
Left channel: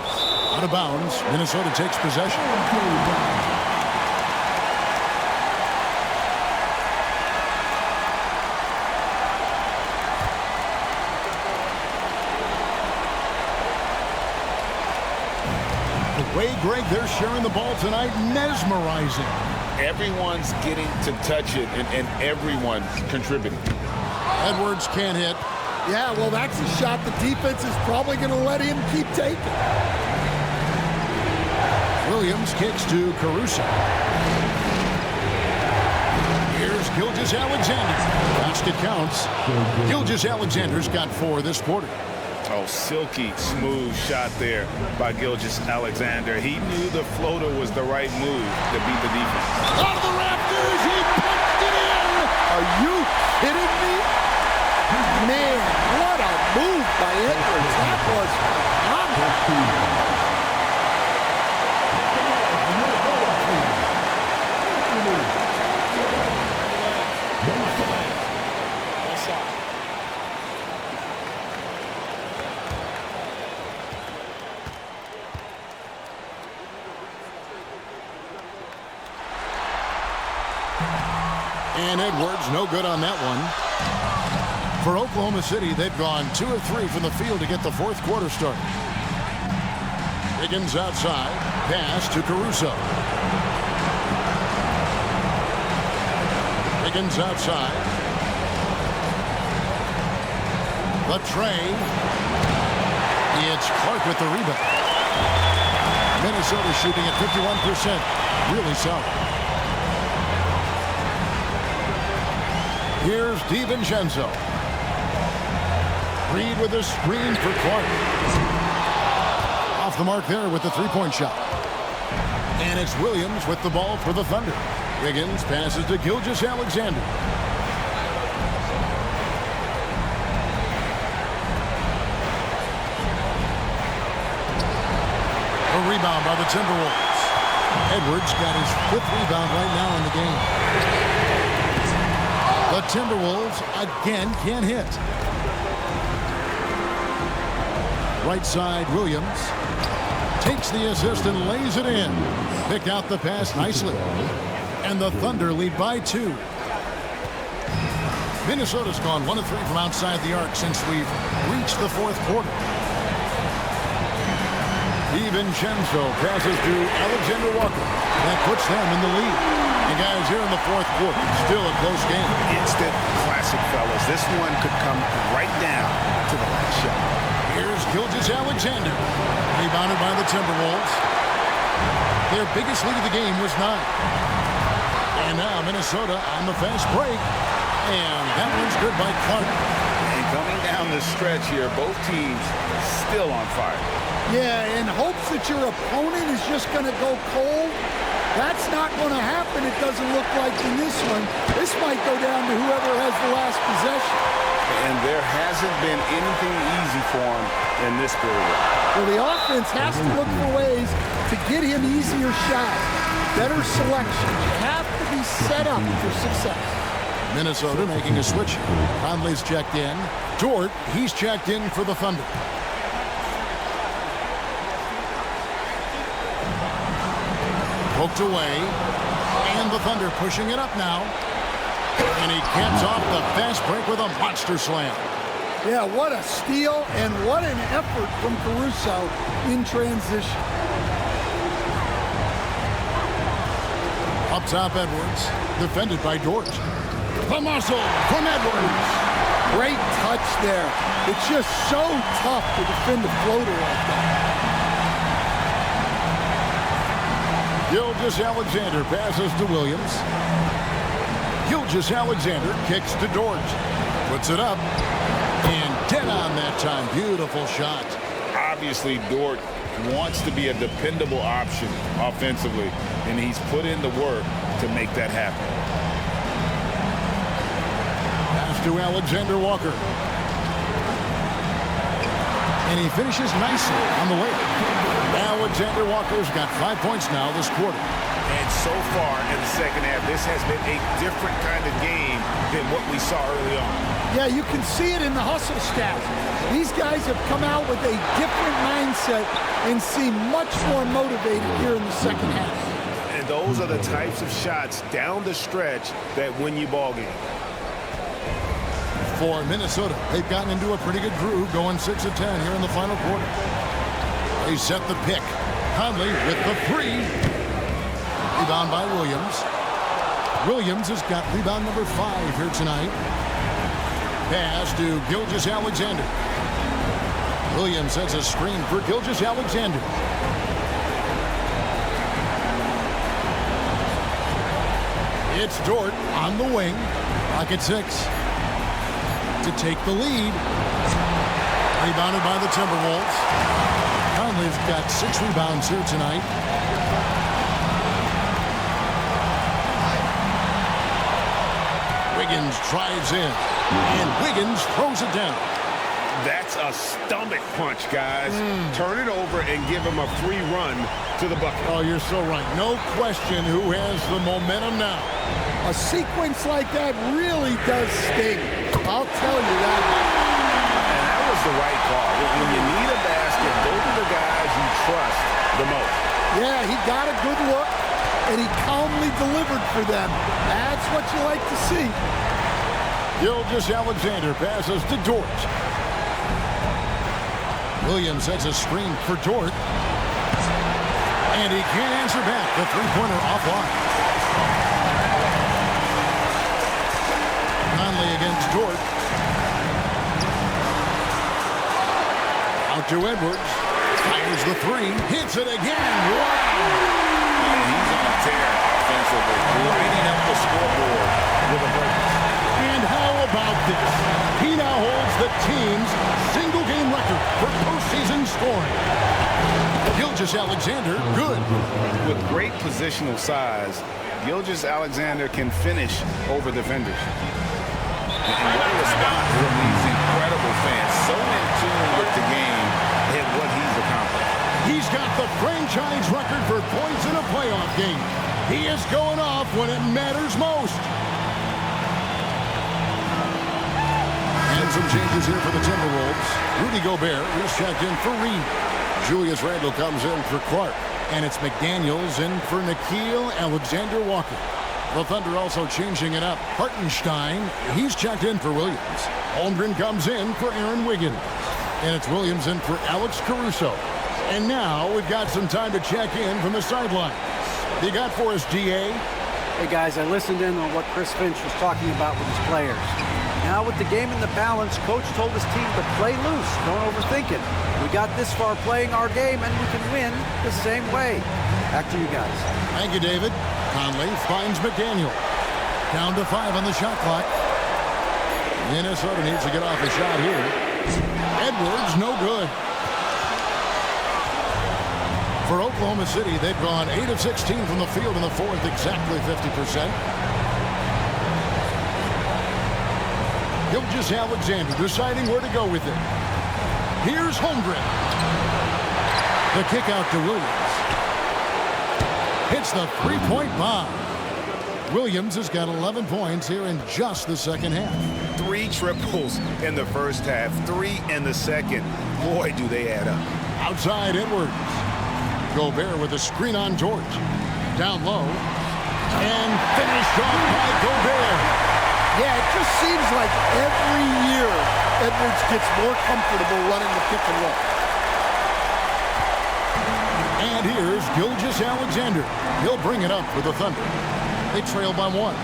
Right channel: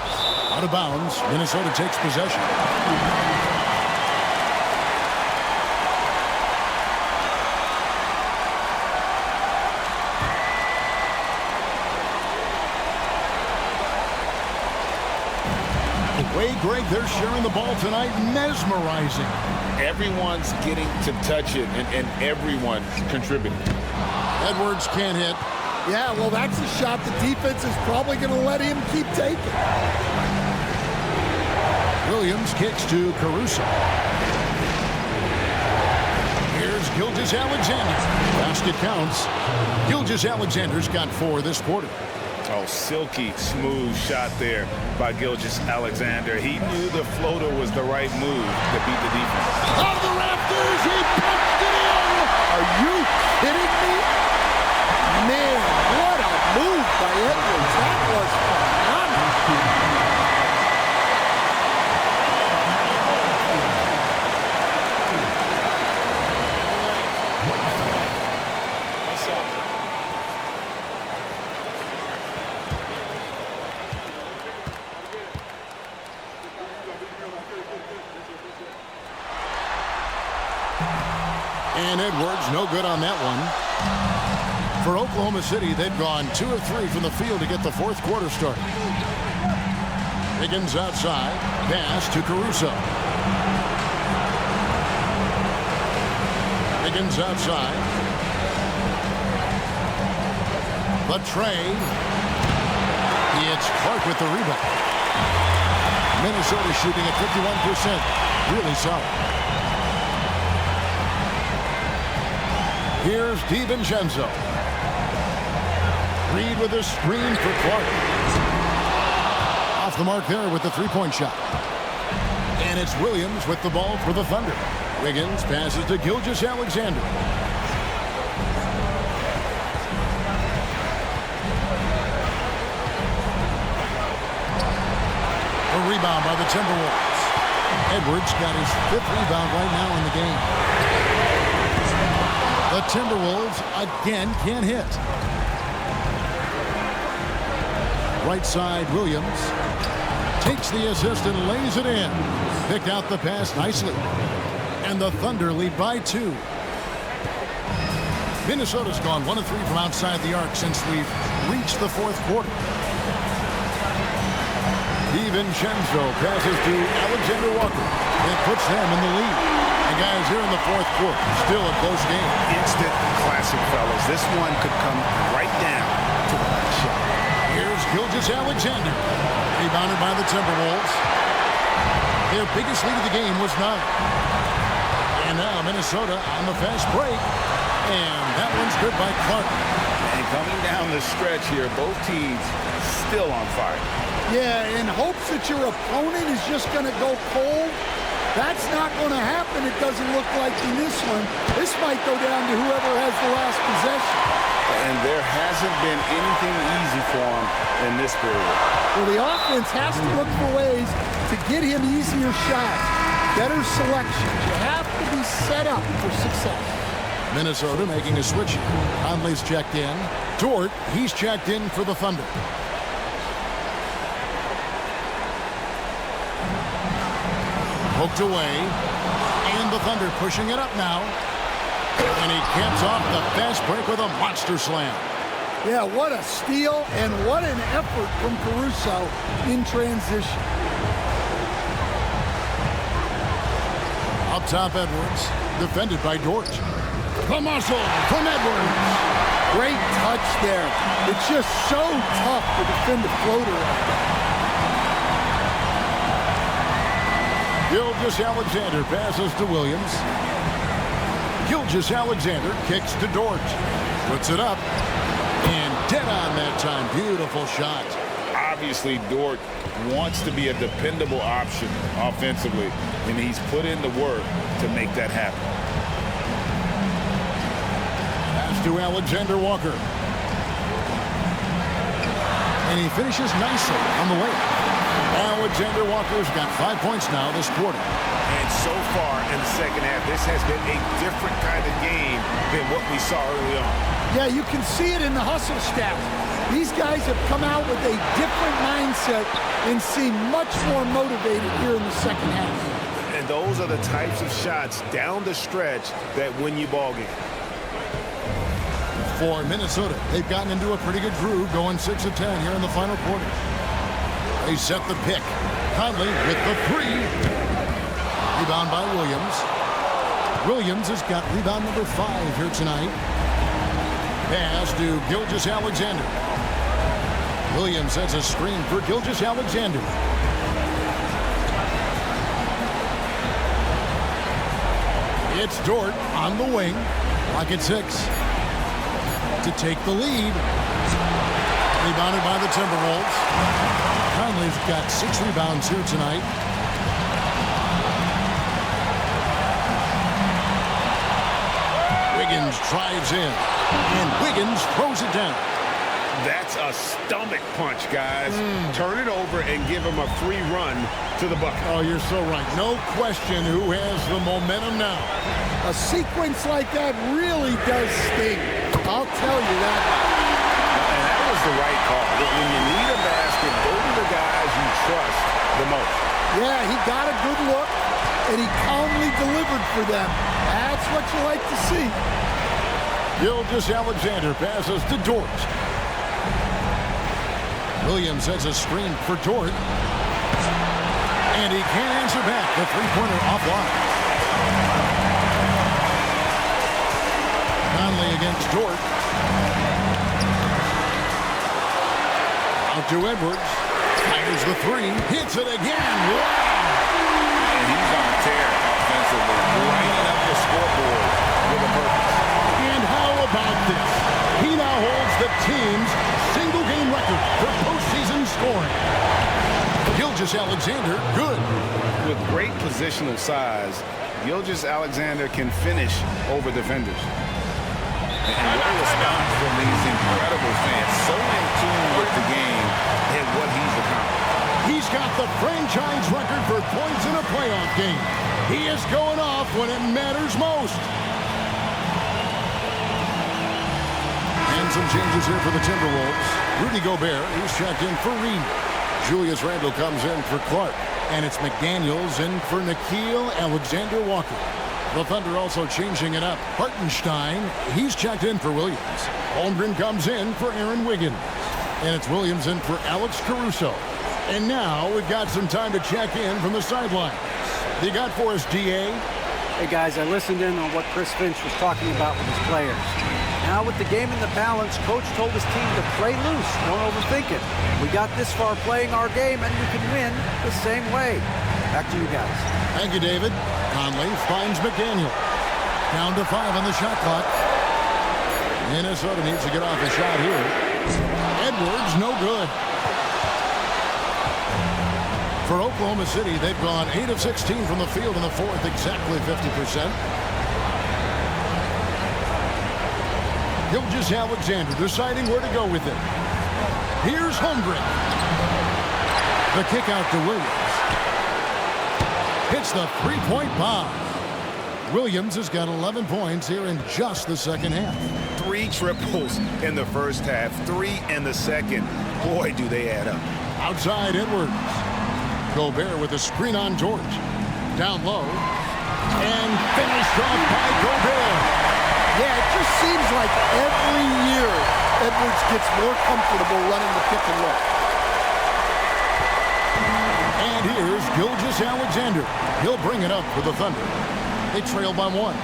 Out of bounds. Minnesota takes possession. The way, Greg, they're sharing the ball tonight, mesmerizing. Everyone's getting to touch it, and everyone's contributing. Edwards can't hit. Yeah, well, that's a shot the defense is probably going to let him keep taking. Williams kicks to Caruso. Here's Gilgeous-Alexander. Basket counts. Gilgeous-Alexander's got 4 this quarter. Oh, silky smooth shot there by Gilgeous-Alexander. He knew the floater was the right move to beat the defense. Out of the rafters, he punched it in. Are you kidding me? Man, what a move by Edwards. That was phenomenal. And Edwards, no good on that one. For Oklahoma City, they've gone 2 of 3 from the field to get the fourth quarter started. Wiggins outside. Pass to Caruso. Wiggins outside. The tray. It's Clark with the rebound. Minnesota shooting at 51%. Really solid. Here's DiVincenzo. Reed with a screen for Clark. Off the mark there with the three-point shot. And it's Williams with the ball for the Thunder. Wiggins passes to Gilgeous-Alexander. A rebound by the Timberwolves. Edwards got his 5th rebound right now in the game. The Timberwolves again can't hit. Right side, Williams takes the assist and lays it in. Picked out the pass nicely. And the Thunder lead by 2. Minnesota's gone 1 of 3 from outside the arc since we've reached the fourth quarter. DiVincenzo passes to Alexander Walker. That puts them in the lead. And guys, here in the fourth quarter, still a close game. Instant classic, fellas. This one could come right down to the last shot. Here's Gilgeous-Alexander. Rebounded by the Timberwolves. Their biggest lead of the game was 9. And now Minnesota on the fast break. And that one's good by Clark. And coming down the stretch here, both teams still on fire. Yeah, in hopes that your opponent is just going to go cold. That's not going to happen, it doesn't look like in this one. This might go down to whoever has the last possession. And there hasn't been anything easy for him in this period. Well, the offense has to look for ways to get him easier shots, better selections. You have to be set up for success. Minnesota making a switch. Conley's checked in. Dort, he's checked in for the Thunder. Poked away. And the Thunder pushing it up now. And he caps off the fast break with a monster slam. Yeah, what a steal and what an effort from Caruso in transition. Up top, Edwards. Defended by Dort. The muscle from Edwards. Great touch there. It's just so tough to defend a floater like that. Gilgeous-Alexander passes to Williams. Gilgeous-Alexander kicks to Dort. Puts it up. And dead on that time. Beautiful shot. Obviously, Dort wants to be a dependable option offensively, and he's put in the work to make that happen. Pass to Alexander Walker. And he finishes nicely on the layup. Alexander Walker's got 5 points now this quarter. And so far in the second half, this has been a different kind of game than what we saw early on. Yeah, you can see it in the hustle stats. These guys have come out with a different mindset and seem much more motivated here in the second half. And those are the types of shots down the stretch that win you ball games. For Minnesota, they've gotten into a pretty good groove, going 6 of 10 here in the final quarter. They set the pick. Conley with the 3. Rebound by Williams. Williams has got rebound number 5 here tonight. Pass to Gilgeous-Alexander. Williams sets a screen for Gilgeous-Alexander. It's Dort on the wing. Clock at 6. To take the lead. Rebounded by the Timberwolves. Conley's got 6 rebounds here tonight. Wiggins drives in. And Wiggins throws it down. That's a stomach punch, guys. Turn it over and give him a free run to the bucket. Oh, you're so right. No question who has the momentum now. A sequence like that really does sting. I'll tell you that much. And that was the right call. When you need a basket, go to the guys you trust the most. Yeah, he got a good look, and he calmly delivered for them. That's what you like to see. Gilgeous-Alexander passes to Dort. Williams has a screen for Dort. And he can't answer back. The three-pointer offline. Conley against Dort. Out to Edwards. Fires the three. Hits it again. Wow! And he's on a tear offensively. Lighting up the scoreboard with a purpose. And how about this? He now holds the team's single-game record for postseason scoring. Gilgeous-Alexander, good. With great positional size, Gilgeous-Alexander can finish over defenders. And what a response from these incredible fans. So in tune with the game and what he's accomplished. He's got the franchise record for points in a playoff game. He is going off when it matters most. And some changes here for the Timberwolves. Rudy Gobert, who's checked in for Reed. Julius Randle comes in for Clark. And it's McDaniels in for Nickeil Alexander-Walker. The Thunder also changing it up. Hartenstein, he's checked in for Williams. Holmgren comes in for Aaron Wiggins. And it's Williams in for Alex Caruso. And now we've got some time to check in from the sidelines. You got for us, DA? Hey, guys, I listened in on what Chris Finch was talking about with his players. Now, with the game in the balance, Coach told his team to play loose. Don't overthink it. We got this far playing our game, and we can win the same way. Back to you guys. Thank you, David. Conley finds McDaniel. Down to 5 on the shot clock. Minnesota needs to get off a shot here. Edwards, no good. For Oklahoma City, they've gone 8 of 16 from the field in the fourth, exactly 50%. Gilgeous-Alexander deciding where to go with it. Here's Holmgren. The kick out to Williams. Hits the three-point bomb. Williams has got 11 points here in just the second half. 3 triples in the first half, 3 in the second. Boy, do they add up. Outside Edwards. Gobert with a screen on George. Down low. And finished off by Gobert. Yeah, it just seems like every year Edwards gets more comfortable running the pick and roll. And here's Gilgeous-Alexander. He'll bring it up for the Thunder. They trail by 1.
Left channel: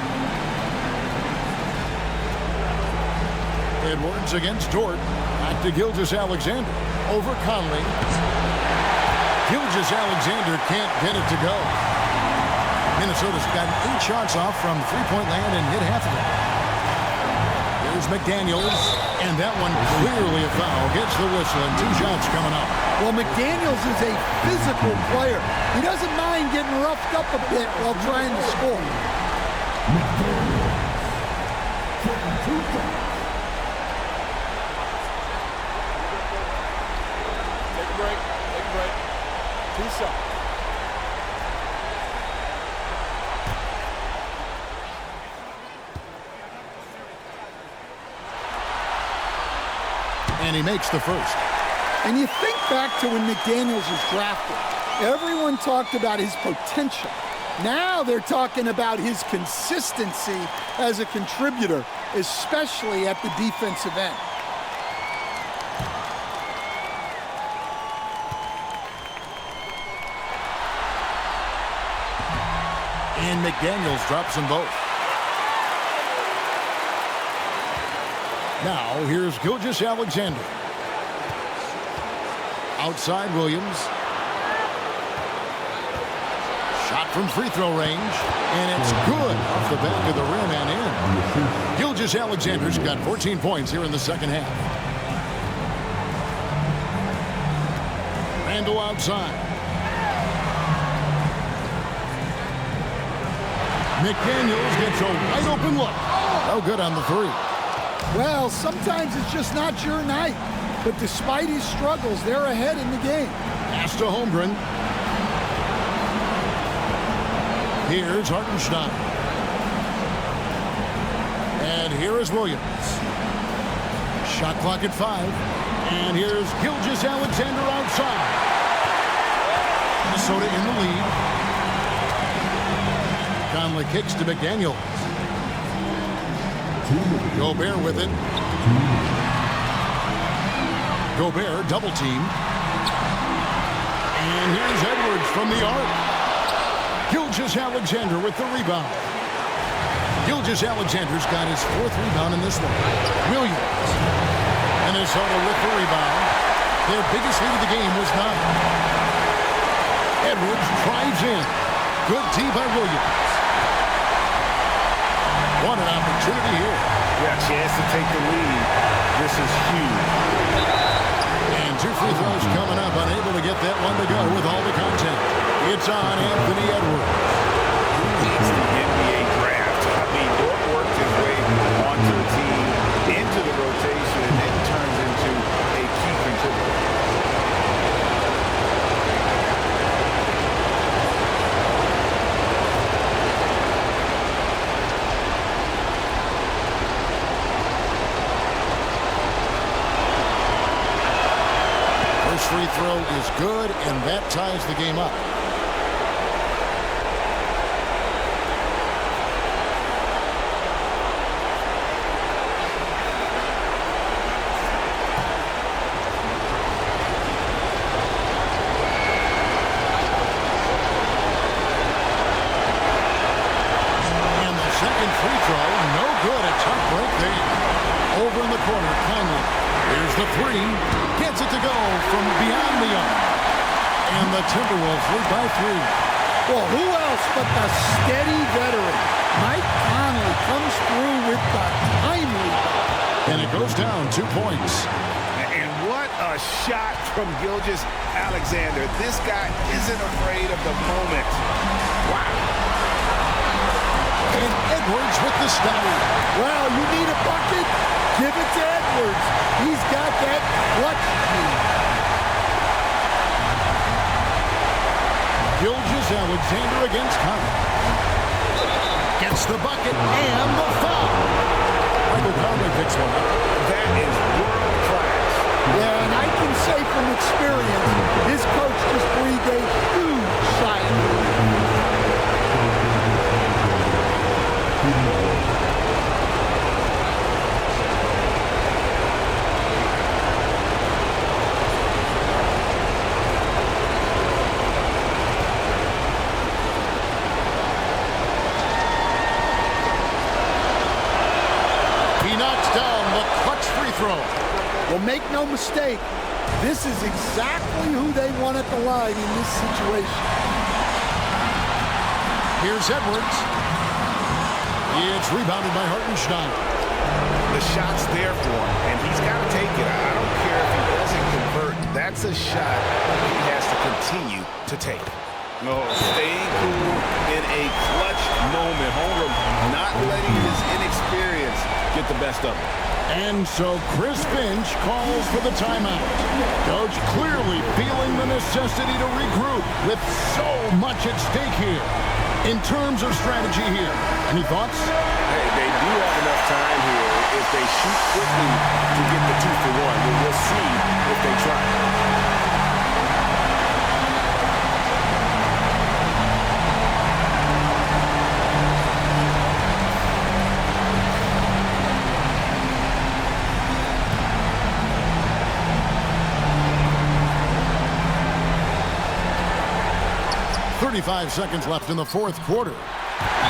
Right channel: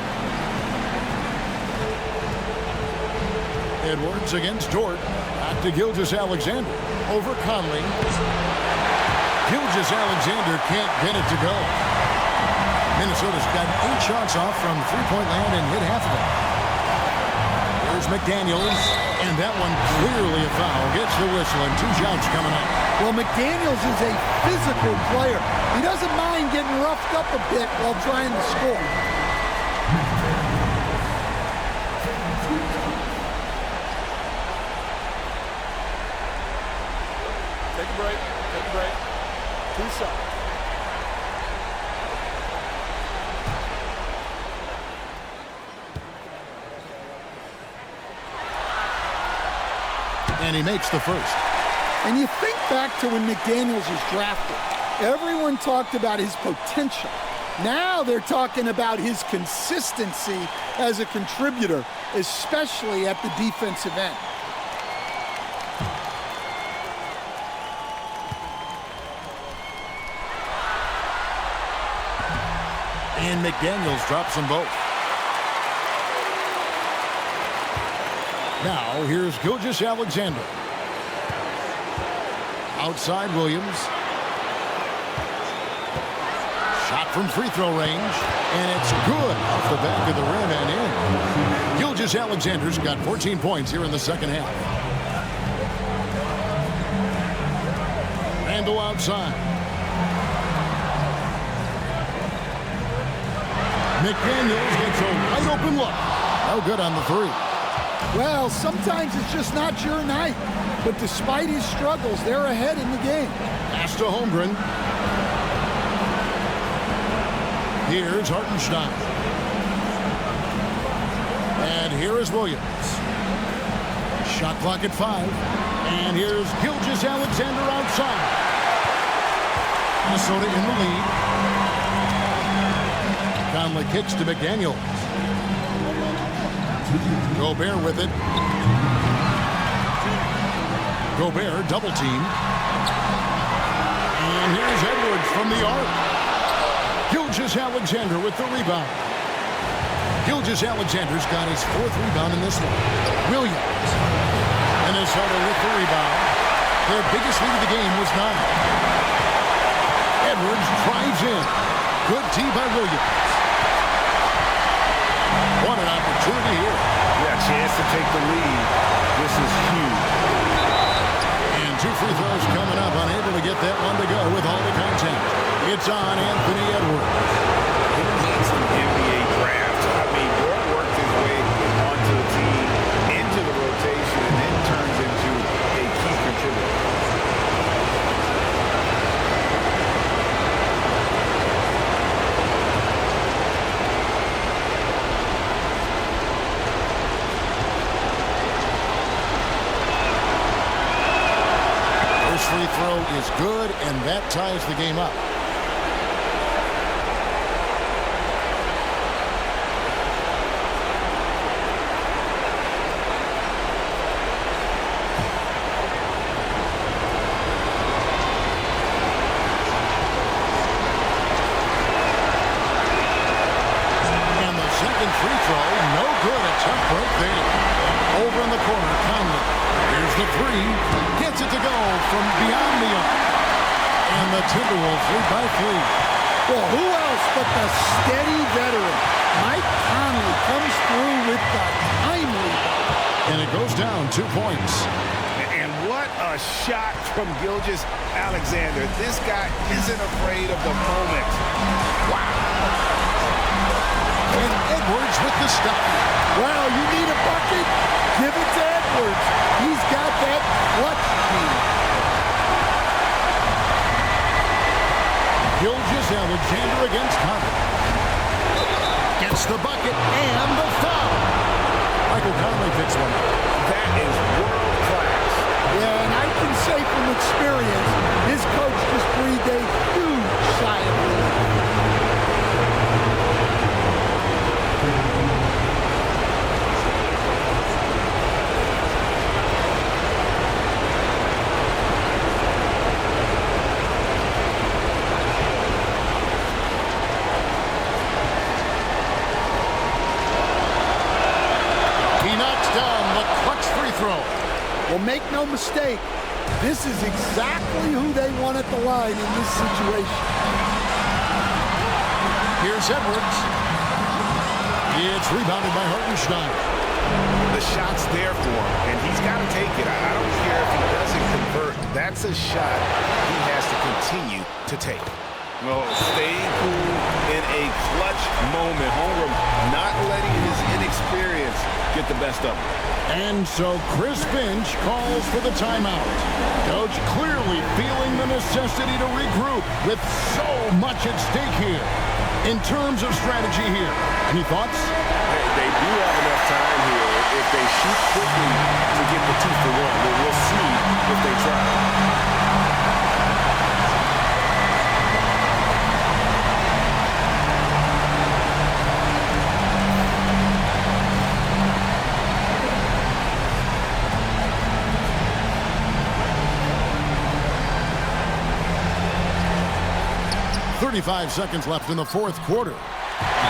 Edwards against Dort. Back to Gilgeous-Alexander. Over Conley. Gilgeous-Alexander can't get it to go. Minnesota's gotten 8 shots off from three-point land and hit half of them. Here's McDaniels. And that one clearly a foul. Gets the whistle and 2 shots coming up. Well, McDaniels is a physical player. He doesn't mind getting roughed up a bit while trying to score. Take a break. Take a break. 2 shots. And he makes the first. And you think back to when McDaniels was drafted. Everyone talked about his potential. Now they're talking about his consistency as a contributor, especially at the defensive end. And McDaniels drops them both. Now, here's Gilgeous-Alexander. Outside Williams. Shot from free throw range. And it's good off the back of the rim and in. Gilgeous-Alexander's got 14 points here in the second half. Randle outside. McDaniels gets a wide open look. No good on the 3. Well, sometimes it's just not your night. But despite his struggles, they're ahead in the game. Pass to Holmgren. Here's Hartenstein. And here is Williams. Shot clock at 5. And here's Gilgeous-Alexander outside. Minnesota in the lead. Conley kicks to McDaniels. Gobert with it. Gobert double teamed. And here's Edwards from the arc. Gilgeous-Alexander with the rebound. Gilgeous-Alexander's got his 4th rebound in this one. Williams. Minnesota with the rebound. Their biggest lead of the game was 9. Edwards drives in. Good D by Williams. What an opportunity here. Yeah, chance to take the lead. This is huge. And 2 free throws coming up. Unable to get that one to go with all the contact. It's on Anthony Edwards. Who needs the NBA draft? I mean, Dort worked his way onto the team, into the rotation, and then turns into a key contributor. First free throw is good, and that ties the game up. And the second free throw, no good. A tough break there. Over in the corner, Conley. Here's the 3. Gets it to go from beyond the arc. And the Timberwolves lead by 3. Well, who else but the steady veteran? Mike Conley comes through with the timely ball. And it goes down 2 points. And what a shot from Gilgeous-Alexander. This guy isn't afraid of the moment. Wow. And Edwards with the stop. Well, you need a bucket? Give it to Edwards. He's got that clutch gene. Gilgeous-Alexander against Conley. Gets the bucket and the foul. Michael Conley picks one up. That is world class. Yeah, and I can say from experience, his coach just breathed a huge sigh of relief. He knocks down the clutch free throw. Well, make no mistake, this is exactly who they want at the line in this situation. Here's Edwards. It's rebounded by Hartenstein. The shot's there for him, and he's got to take it. I don't care if he doesn't convert. That's a shot he has to continue to take. No, staying cool in a clutch moment. Holmgren not letting his inexperience get the best of him. And so Chris Finch calls for the timeout. Coach clearly feeling the necessity to regroup with so much at stake here. In terms of strategy here, any thoughts? Hey, they do have enough time here if they shoot quickly to get the 2 for 1. We'll see if they try. .35 seconds left in the 4th quarter.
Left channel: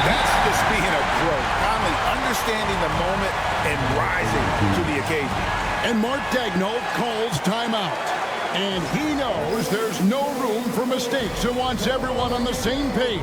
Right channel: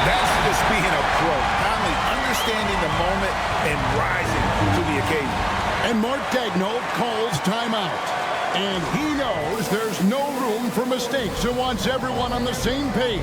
That's just being a pro. Conley understanding the moment and rising to the occasion. And Mark Daigneault calls timeout. And he knows there's no room for mistakes and wants everyone on the same page.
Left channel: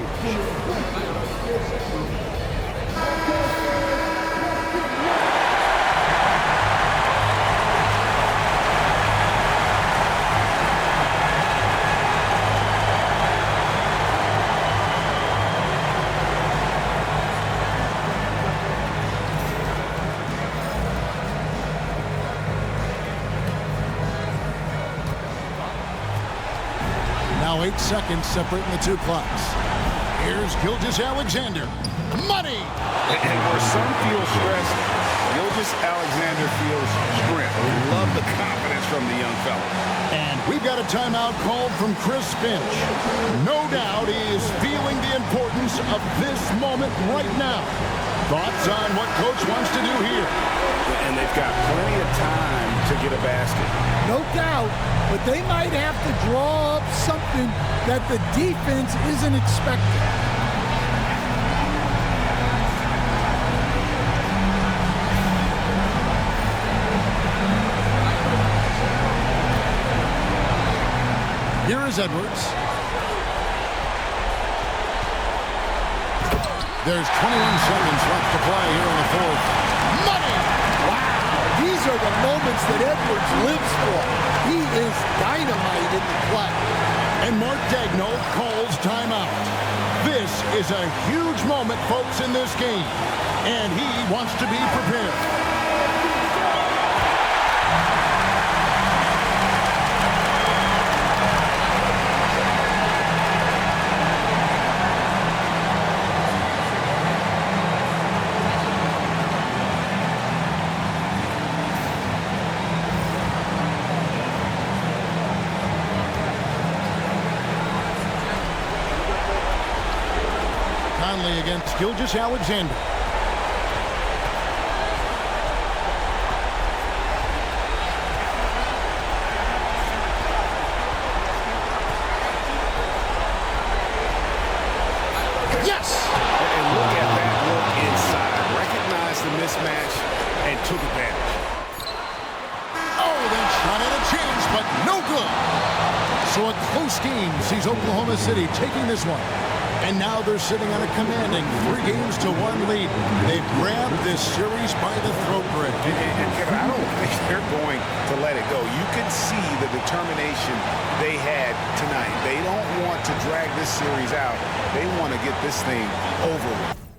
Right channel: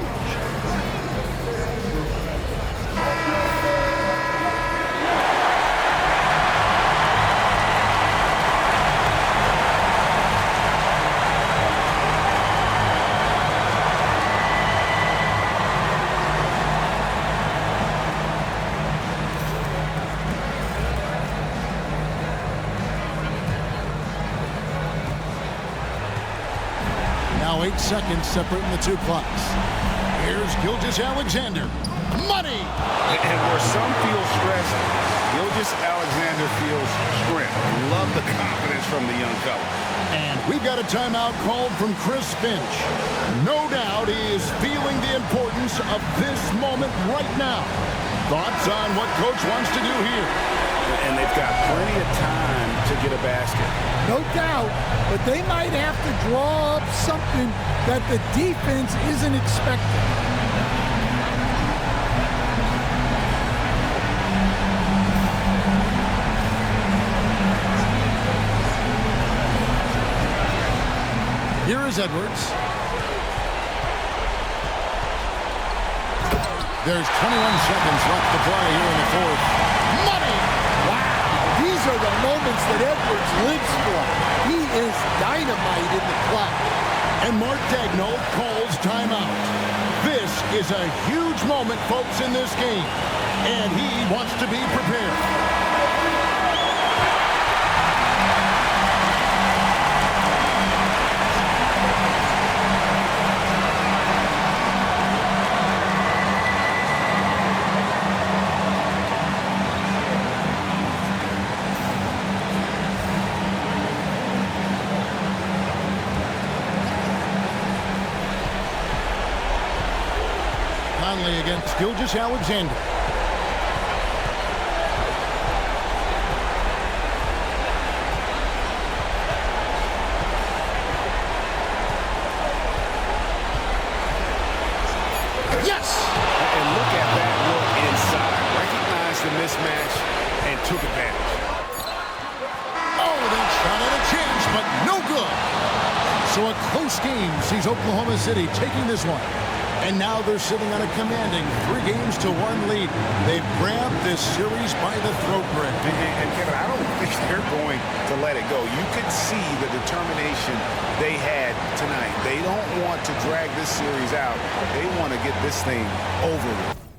Now 8 seconds separating the 2 clocks. Here's Gilgeous-Alexander. Money! And where some feel stressed, Gilgeous-Alexander feels strength. Love the confidence from the young fella. And we've got a timeout called from Chris Finch. No doubt he is feeling the importance sense of this moment right now. Thoughts on what Coach wants to do here? And they've got plenty of time to get a basket. No doubt, but they might have to draw up something that the defense isn't expecting. Here is Edwards. There's 21 seconds left to play here in the fourth. Money! Wow, these are the moments that Edwards lives for. He is dynamite in the clutch. And Mark Daigneault calls timeout. This is a huge moment, folks, in this game. And he wants to be prepared. Conley against Gilgeous-Alexander. Yes! And look at that look inside. Recognized the mismatch and took advantage. Oh, that shot had a chance, but no good. So a close game sees Oklahoma City taking this one. And now they're sitting on a commanding 3-1 lead. They've grabbed this series by the throat, Greg. And Kevin, I don't think they're going to let it go. You could see the determination they had tonight. They don't want to drag this series out. They want to get this thing over with.